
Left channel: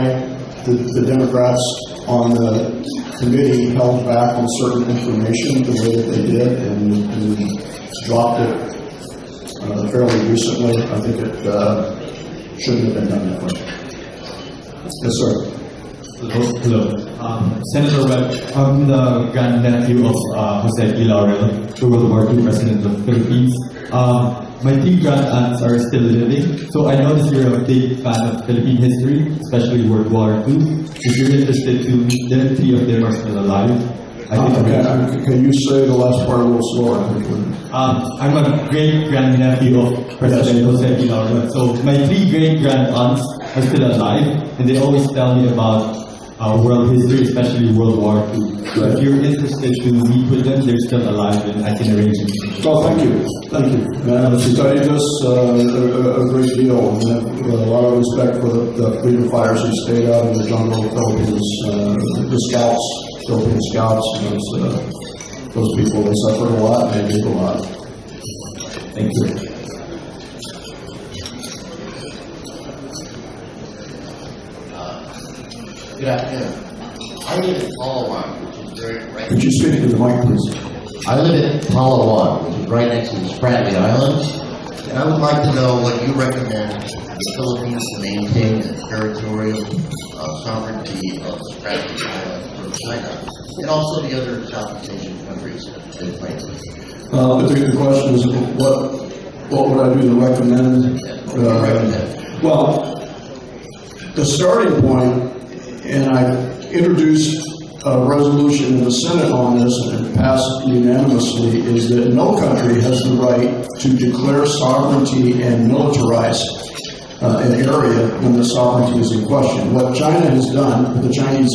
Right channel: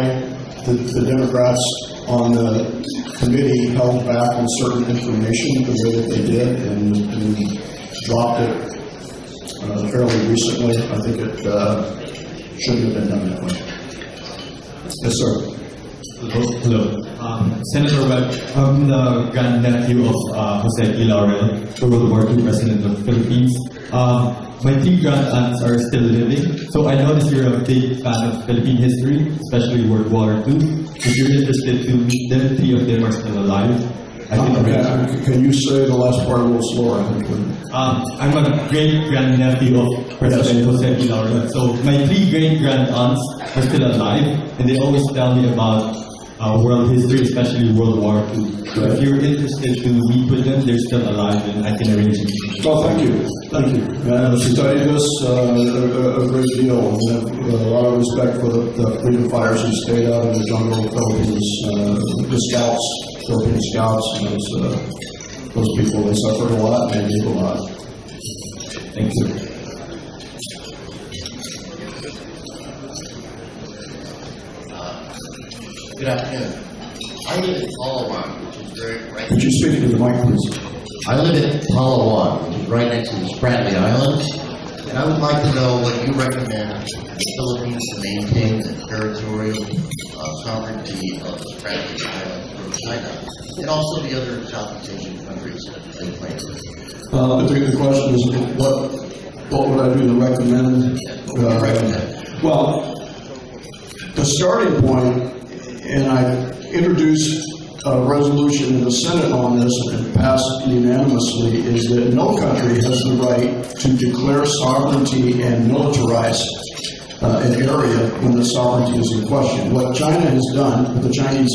the Democrats on the committee held back on certain information the way that they did and dropped it fairly recently. I think it shouldn't have been done that way. Yes, sir. Hello. Senator Webb, I'm the grandnephew of Jose P. Laurel, the World War II President of the Philippines. My 3 grand-aunts are still living, so I noticed you're a big fan of Philippine history, especially World War II. If you're interested to meet them, 3 of them are still alive. Can you say the last part a little slower? I'm a great-grandnephew of President Jose P. Laurel. So my 3 great-grand-aunts are still alive, and they always tell me about world history, especially World War II. So if you're interested to meet with them, they're still alive, and I can arrange it. Oh, thank you. Thank you. And I've studied this a great deal, and have a lot of respect for the freedom fighters who stayed out in the jungle of the Philippines, the scouts, Philippine scouts, those people, they suffered a lot, and they gave a lot. Thank you. Good afternoon. I live in Palawan, which is right. Could you speak to the mic, please? I live in Palawan, which is right next to the Spratly Islands. And I would like to know what you recommend the Philippines to maintain the territorial sovereignty of the Strategic Island from China, and also the other Southeast Asian countries they claim. The question is, what would I do to recommend? Well, the starting point, and I introduced a resolution in the Senate on this and passed unanimously, is that no country has the right to declare sovereignty and militarize an area when the sovereignty is in question. What China has done, what the Chinese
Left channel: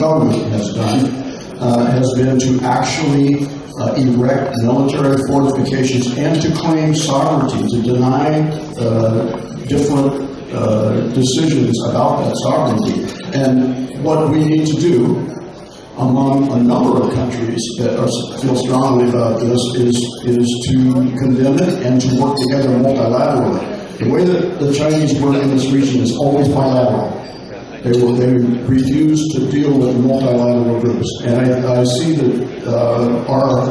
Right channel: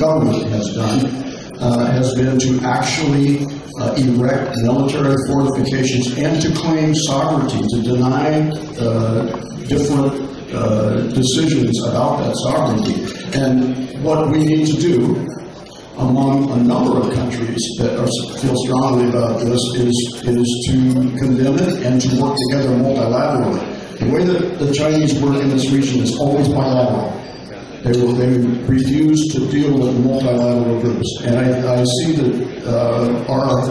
government has done, has been to actually erect military fortifications and to claim sovereignty, to deny different decisions about that sovereignty. And what we need to do among a number of countries that feel strongly about this is to condemn it and to work together multilaterally. The way that the Chinese work in this region is always bilateral. They refuse to deal with multilateral groups. And I see that our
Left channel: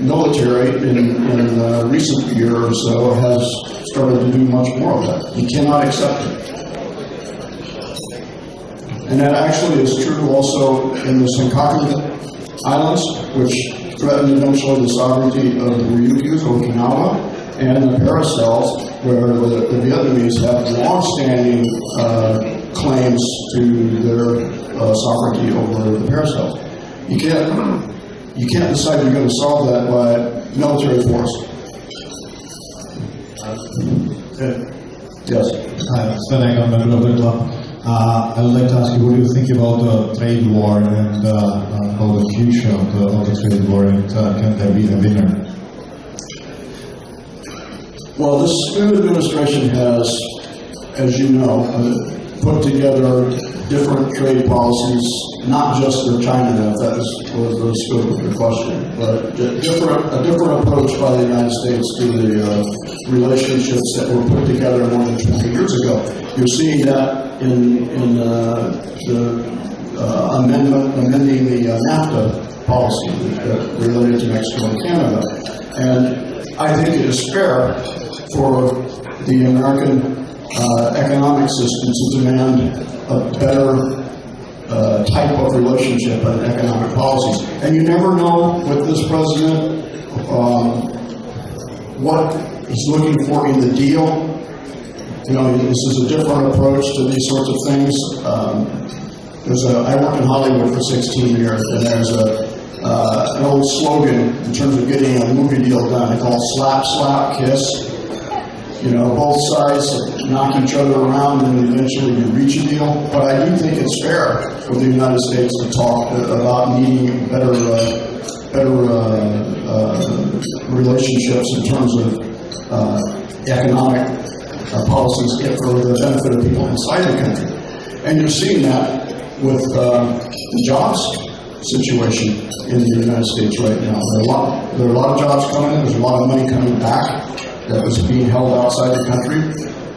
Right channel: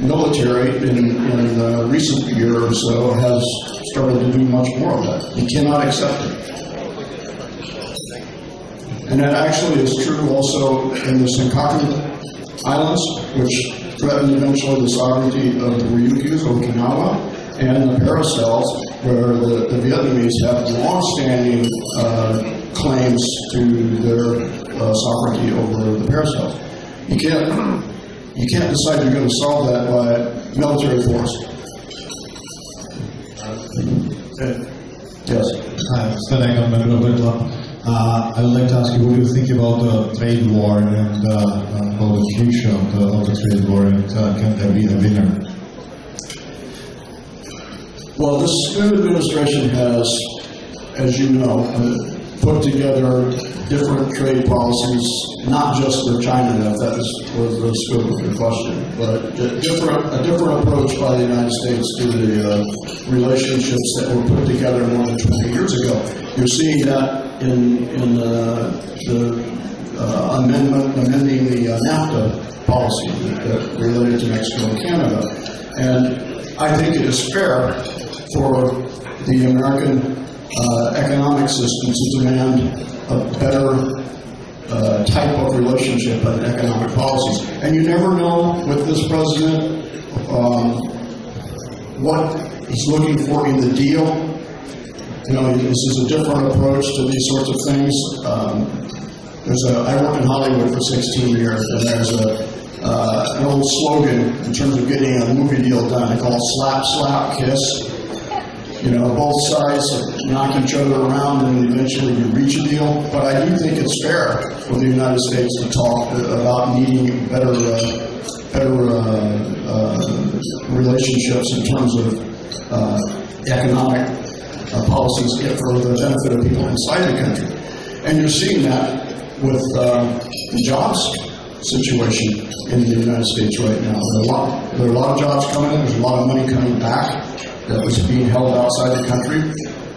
military in recent year or so has started to do much more of that. We cannot accept it. And that actually is true also in the Senkaku Islands, which threaten eventually the sovereignty of the Ryukyus, Okinawa, and the Paracels, where the Vietnamese have long-standing claims to their sovereignty over the Paracels. You can't decide you're going to solve that by military force. Yes. Senegal, member of the club. I would like to ask you, what do you think about the trade war and how the future of the trade war, and can there be a winner? Well, this new administration has, as you know, put together different trade policies, not just for China, if that was the scope of your question, but a different approach by the United States to the relationships that were put together more than 20 years ago. You're seeing that in the amending the NAFTA policy that related to Mexico and Canada. And I think it is fair for the American economic system to demand a better type of relationship and economic policies. And you never know with this president what he's looking for in the deal. You know, this is a different approach to these sorts of things. I worked in Hollywood for 16 years, and there's an old slogan in terms of getting a movie deal done. They call it slap, slap, kiss. You know, both sides knock each other around and eventually you reach a deal. But I do think it's fair for the United States to talk about needing better relationships in terms of economic policies for the benefit of people inside the country. And you're seeing that with the jobs situation in the United States right now. There are a lot of jobs coming in, there's a lot of money coming back that was being held outside the country,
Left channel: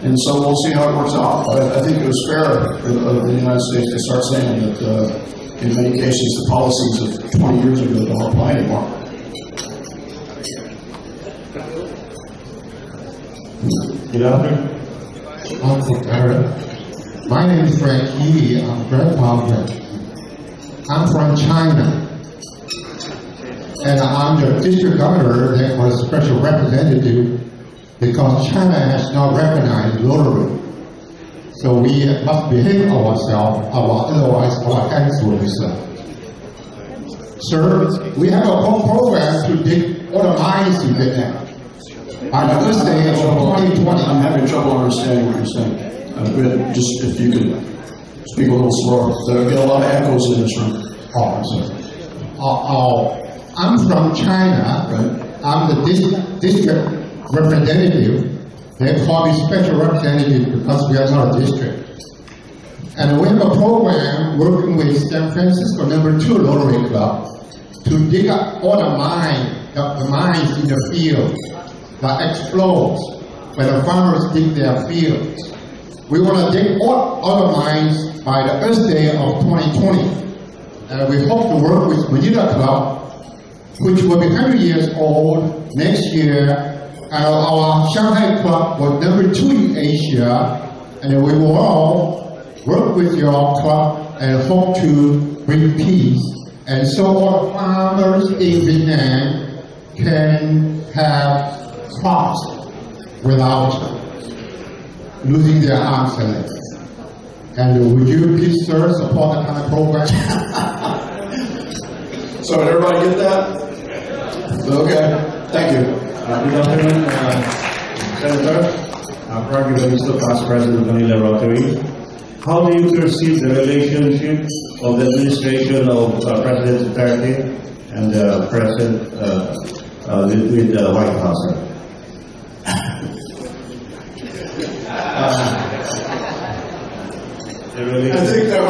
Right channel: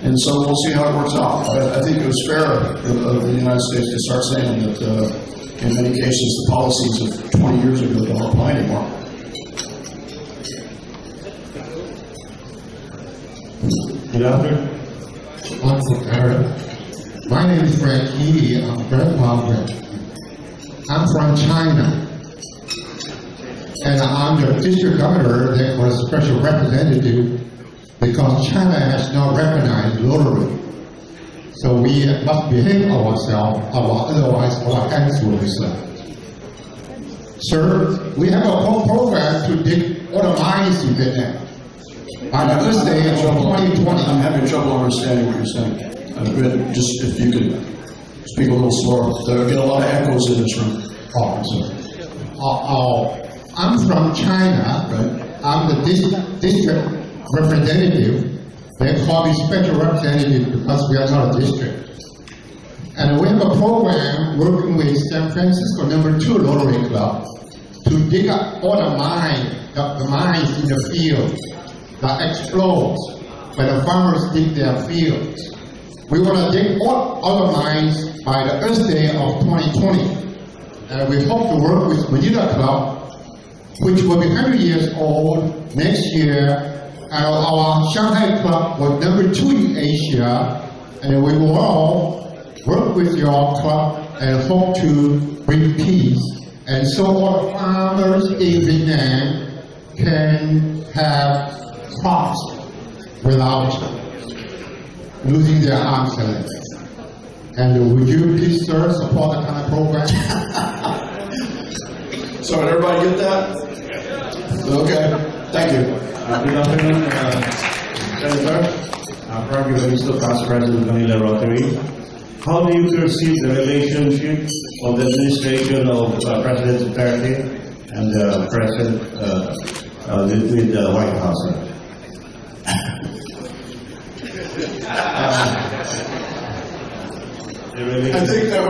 and so we'll see how it works out. But I think it was fair of the United States to start saying that in many cases the policies of 20 years ago don't apply anymore. Good afternoon. My name is Frank Yi. I'm grandfather. I'm from China. And I'm the district governor that was special representative because China has not recognized Rotary. So we must behave ourselves, otherwise our hands will be slapped. Sir, we have a program to dig all the mines in Vietnam. On the first day of 2020. I'm having trouble understanding what you're saying. Just if you could speak a little slower. There get a lot of echoes in this room. I'm from China. Right. I'm the district representative. They call me special representative because we are not a district. And we have a program working with San Francisco #2 Rotary Club to dig up all the mines in the field that explodes when the farmers dig their fields. We want to dig all the mines by the Earth Day of 2020. And we hope to work with Manila Club, which will be 100 years old next year, our Shanghai club was number 2 in Asia, and we will all work with your club and hope to bring peace. And so all the farmers in Vietnam can have crops without losing their arms and legs. And would you please, sir, support that kind of program? So did everybody get that? Okay, thank you. Good afternoon, Senator. Frank Evaristo, past president of Manila Rotary. How do you perceive the relationship of the administration of President Duterte and the President with the White House? I think that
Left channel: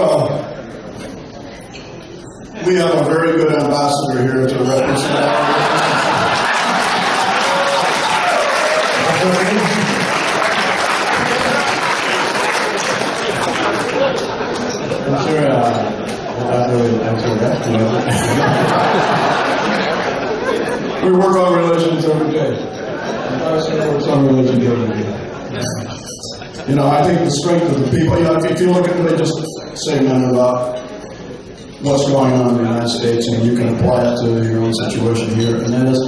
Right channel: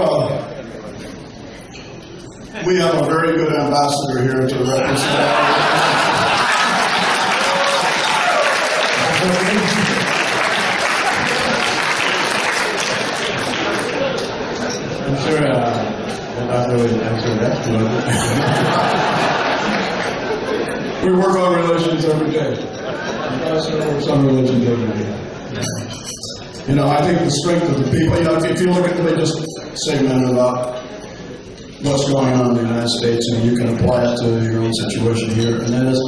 we have a very good ambassador here to represent I'm sure Dr. will answer that. We work on relations every day. Ambassador works on relations every day. You know, I think the strength of the people, you know, if you look at, let me just say a minute about what's going on in the United States, and you can apply it to your own situation here, and that is,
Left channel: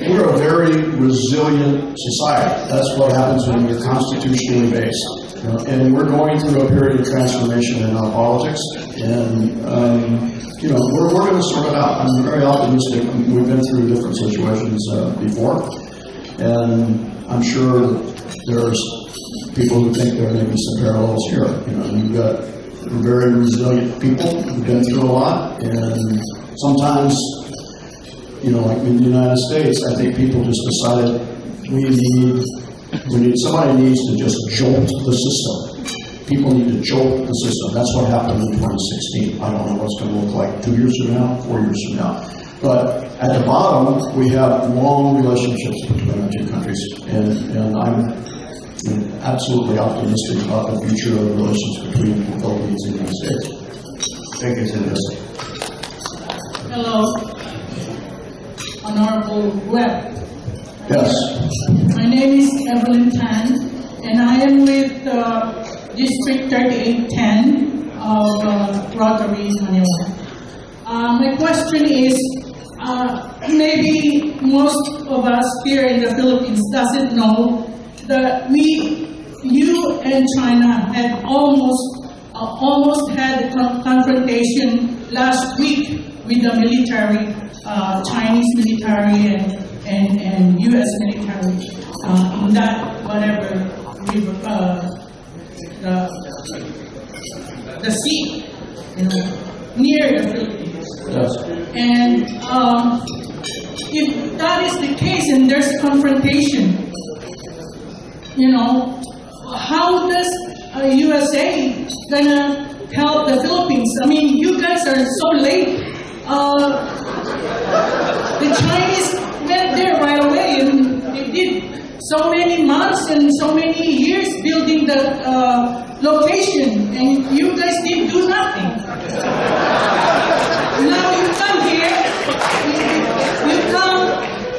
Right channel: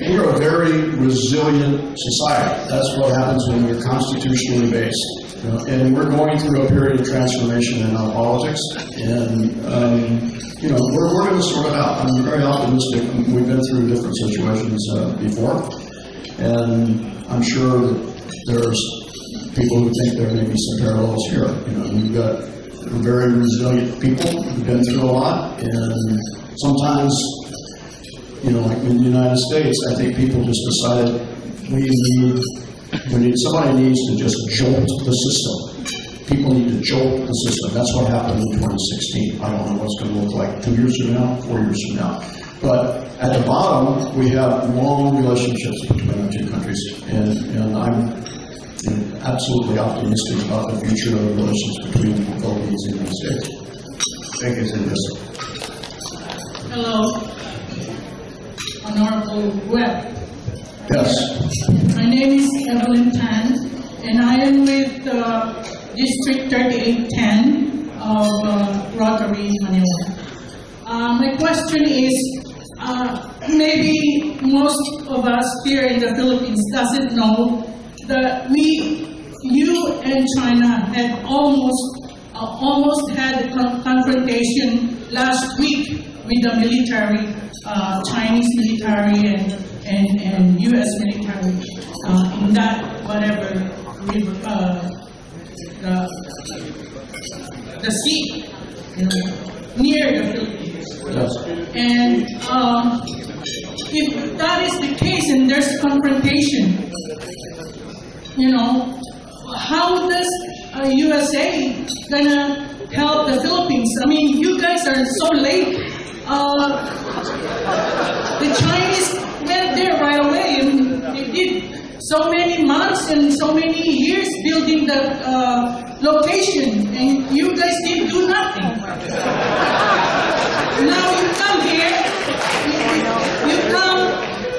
we're a very resilient society. That's what happens when you're constitutionally based. You know, and we're going through a period of transformation in our politics, and you know, we're going to sort it out. I'm very optimistic. We've been through different situations before, and I'm sure that there's people who think there may be some parallels here. You know, you've got very resilient people who've been through a lot, and sometimes, you know, like in the United States, I think people just decided somebody needs to just jolt the system. People need to jolt the system. That's what happened in 2016. I don't know what's going to look like 2 years from now, 4 years from now. But at the bottom, we have long relationships between our two countries, and I'm absolutely optimistic about the future of the relations between the Philippines and the United States. Thank you, Senator. Hello, Honorable Webb. Yes. My name is Evelyn Tan, and I am with District 3810 of Rotary, Manila. My question is, maybe most of us here in the Philippines doesn't know that you and China had almost had a confrontation last week with the military, Chinese military and U.S. military in that whatever river, the sea, you know, near the Philippines. Yes. And if that is the case and there's confrontation, you know, how does USA gonna help the Philippines? I mean, you guys are so late. The Chinese went there right away, and they did so many months and so many years building the location, and you guys didn't do nothing. Now you come here, you come,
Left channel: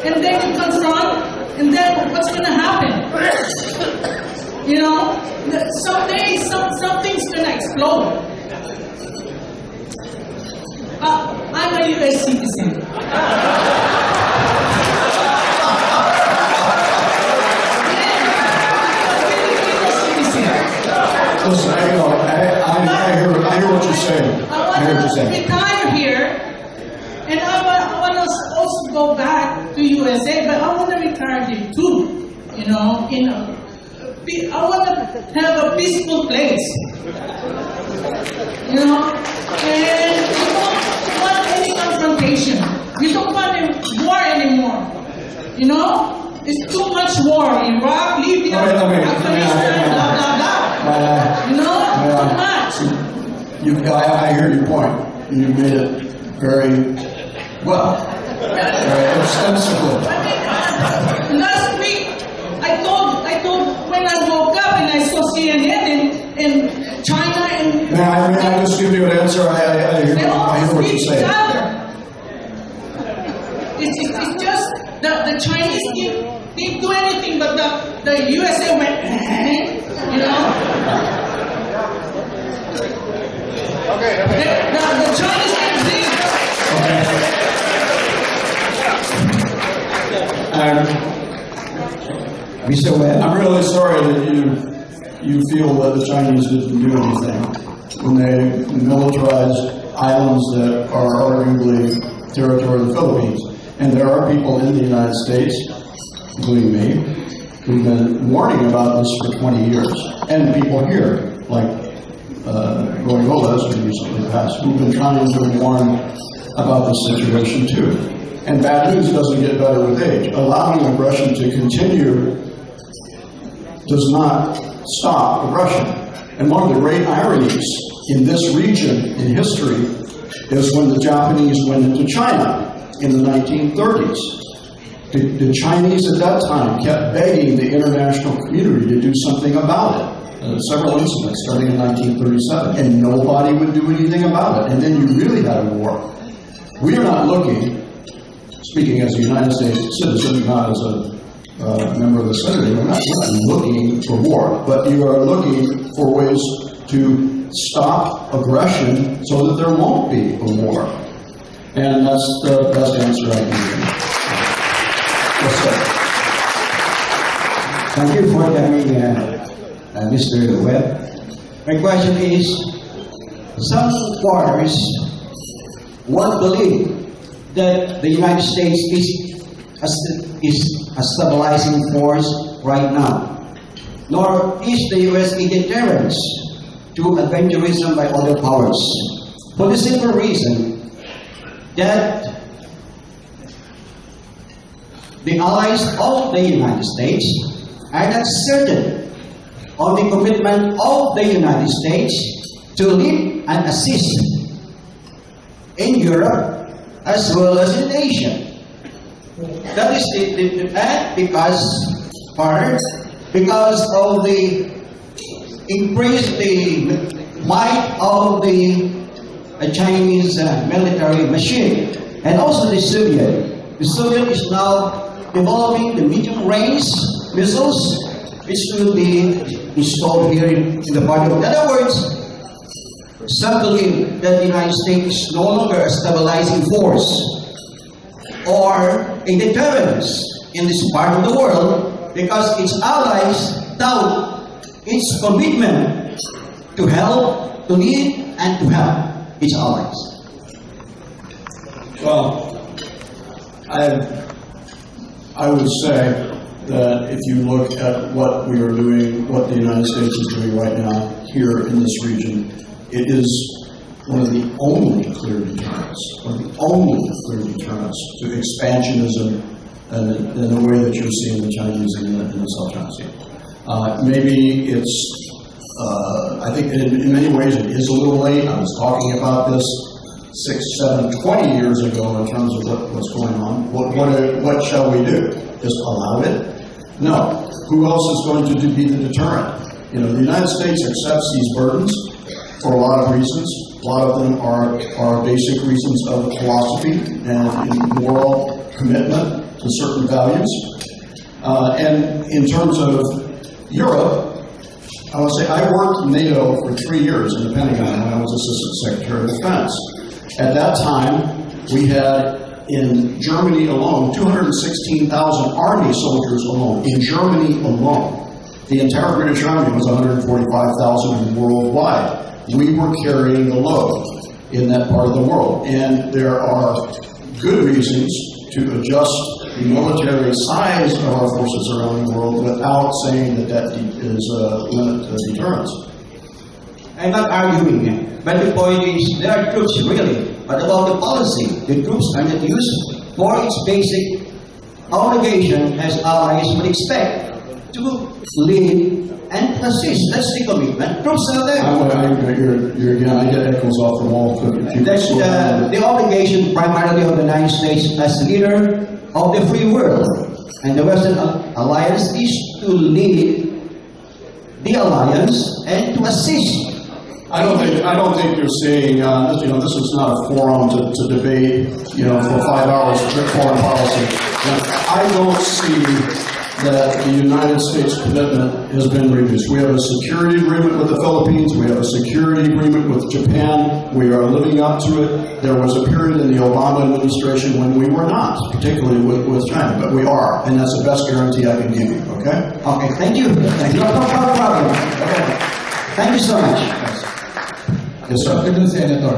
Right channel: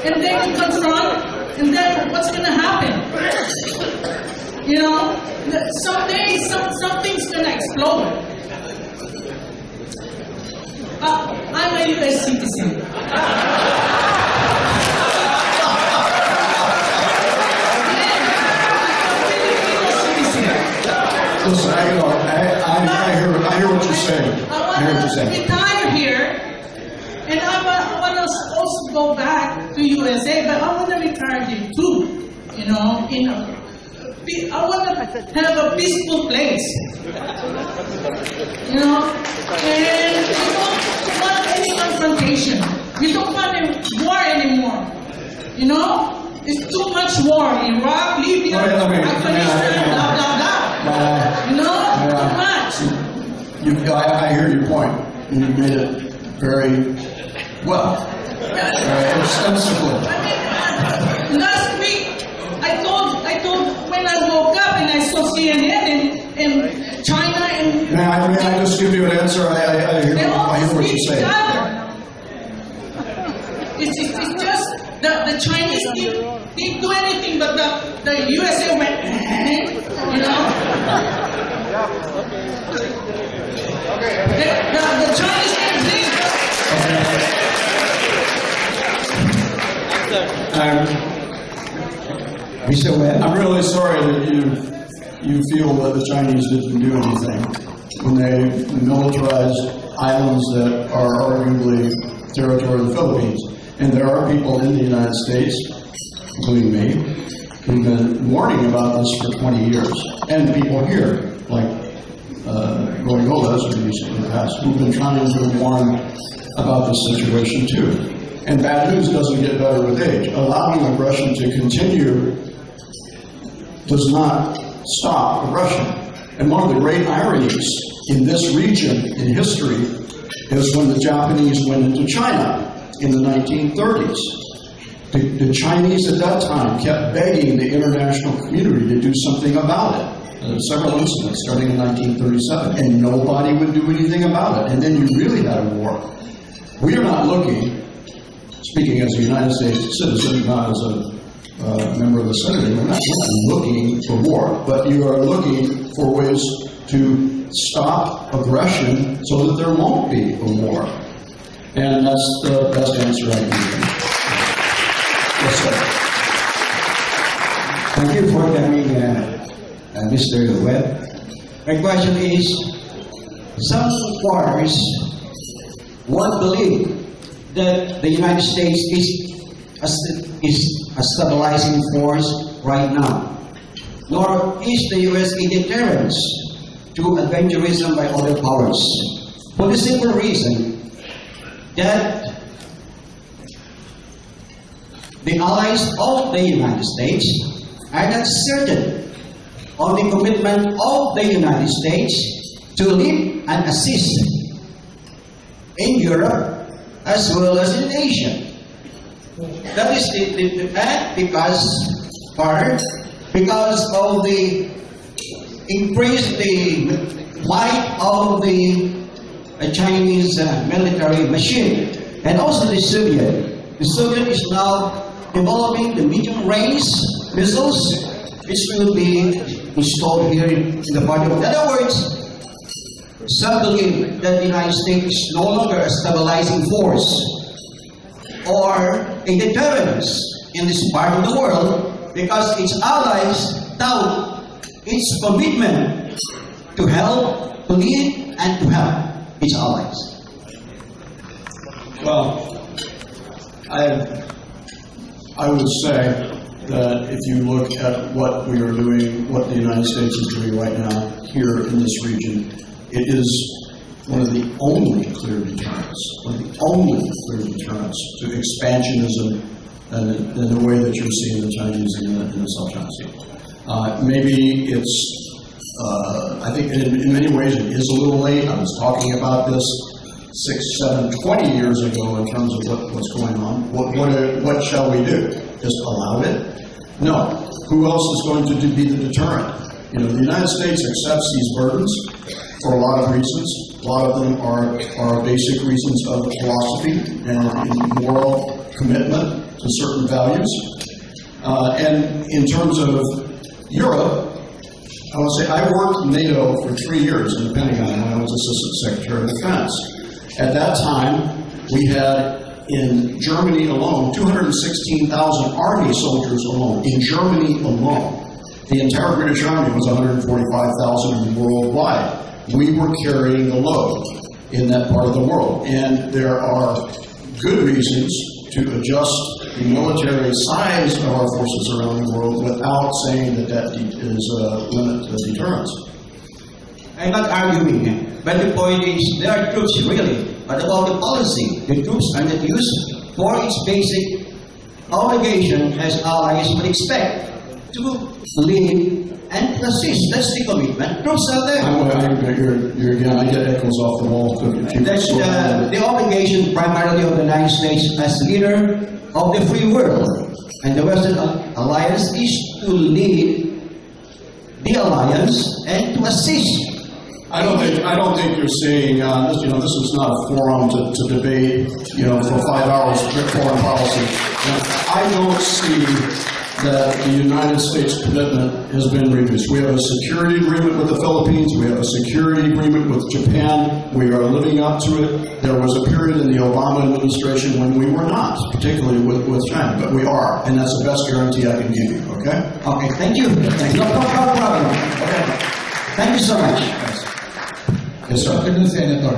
and then you confront, and then what's going to happen? You know, someday something's going to explode. I'm a U.S. citizen. Listen, I hear what you're saying. I hear what you're saying. Retire here, and I want to also go back to USA, but I want to retire here too. You know, I want to have a peaceful place. You know, and we don't want any confrontation. We don't want a war anymore. You know, it's too much war. Iraq, Libya, Afghanistan, blah blah blah. You know, too much. I hear your point. You made it very well, very extensively. I mean, last week I told when I woke up and I saw CNN and China and. May I just give you an answer? I hear what you're saying. It's It's just the Chinese didn't do anything, but the USA went, you know. The Chinese didn't think. Mr. Webb, I'm really sorry that you feel that the Chinese didn't do anything when they militarized islands that are arguably territory of the Philippines. And there are people in the United States, including me, who've been warning about this for 20 years. And people here, like Roy Goles, who recently passed, who've been trying to warn about this situation too. And bad news doesn't get better with age. Allowing aggression to continue does not stop aggression. And one of the great ironies in this region in history is when the Japanese went into China in the 1930s. The Chinese at that time kept begging the international community to do something about it. Several incidents starting in 1937, and nobody would do anything about it. And then you really had a war. We are not looking, speaking as a United States citizen, not as a member of the Senate, we're not looking for war, but you are looking for ways to stop aggression so that there won't be a war. And that's the best answer I can give. Yes, sir. Thank you for coming, Mr. Webb. My question is, some foreigners won't believe that the United States is a stabilizing force right now, nor is the U.S. a deterrent to adventurism by other powers, for the simple reason that the allies of the United States are not certain of the commitment of the United States to lead and assist in Europe as well as in Asia. That is the fact because of the increase the might of the Chinese military machine, and also the Soviet. The Soviet is now developing the medium-range missiles, which will be installed here in the part of. In other words, some believe that the United States is no longer a stabilizing force or a deterrent in this part of the world because its allies doubt its commitment to help, to lead, and to help its allies. Well, I would say that if you look at what we are doing, what the United States is doing right now here in this region, it is one of the only clear deterrents, to expansionism and the way that you're seeing the Chinese in the South China Sea. Maybe it's, I think in many ways it is a little late. I was talking about this 6, 7, 20 years ago in terms of what's going on. What shall we do? Just allow it? No. Who else is going to be the deterrent? You know, the United States accepts these burdens for a lot of reasons. A lot of them are basic reasons of philosophy and moral commitment to certain values. And in terms of Europe, I would say I worked in NATO for 3 years in the Pentagon when I was Assistant Secretary of Defense. At that time, we had in Germany alone 216,000 Army soldiers alone, in Germany alone. The entire British Army was 145,000 worldwide. We were carrying the load in that part of the world. And there are good reasons to adjust the military size of our forces around the world without saying that is a limit to deterrence. I'm not arguing, but the point is there are troops really, but about the policy. The troops are not used for its basic obligation as allies would expect to lead and to assist. That's the commitment. Troops are there. I get echoes off the wall. That's the obligation primarily of the United States as leader of the free world. And the Western Alliance is to lead the alliance and to assist I don't think you're saying, this is not a forum to debate, for 5 hours foreign policy. And I don't see that the United States commitment has been reduced. We have a security agreement with the Philippines. We have a security agreement with Japan. We are living up to it. There was a period in the Obama administration when we were not, particularly with China, but we are, and that's the best guarantee I can give you, okay? Okay, thank you. Thank you. No problem. Okay. Thank you so much. Yes, sir. Good afternoon, Senator.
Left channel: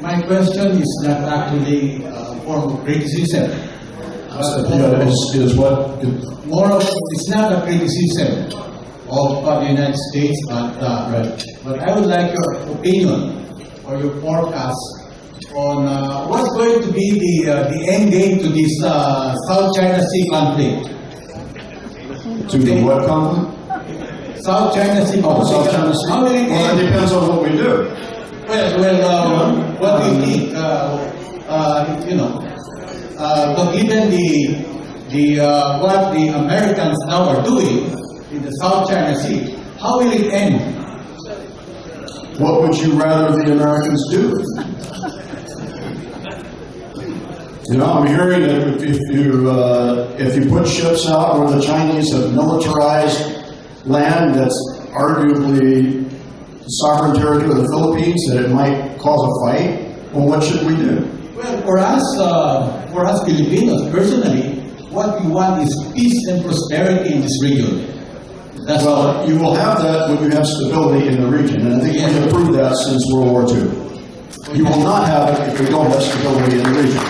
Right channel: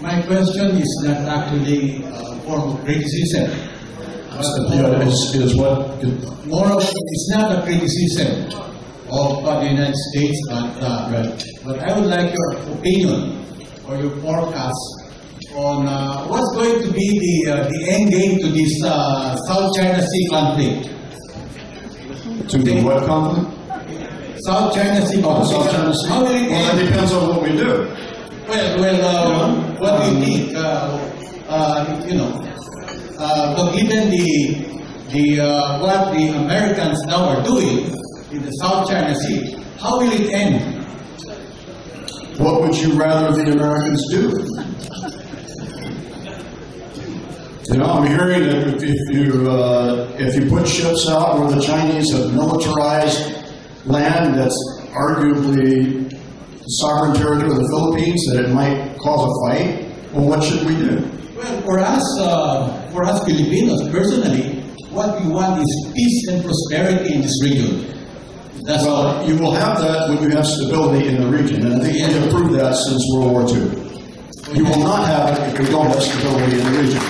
My question is not actually a form of criticism. Is what? More of, it's not a criticism of the United States, but I would like your opinion or your forecast on what's going to be the end game to this South China Sea conflict. To the what conflict? South China Sea conflict. South China Sea. How will it Well, end? that depends on what we do. What do you think? But given what the Americans now are doing in the South China Sea, how will it end? What would you rather the Americans do? I'm hearing that if you put ships out where the Chinese have militarized land that's arguably sovereign territory of the Philippines, that it might cause a fight. Well, what should we do? Well, for us Filipinos, personally, what we want is peace and prosperity in this region. You will have that when you have stability in the region, and I think we have proved that since World War II. You will not have it if we don't have stability in the region.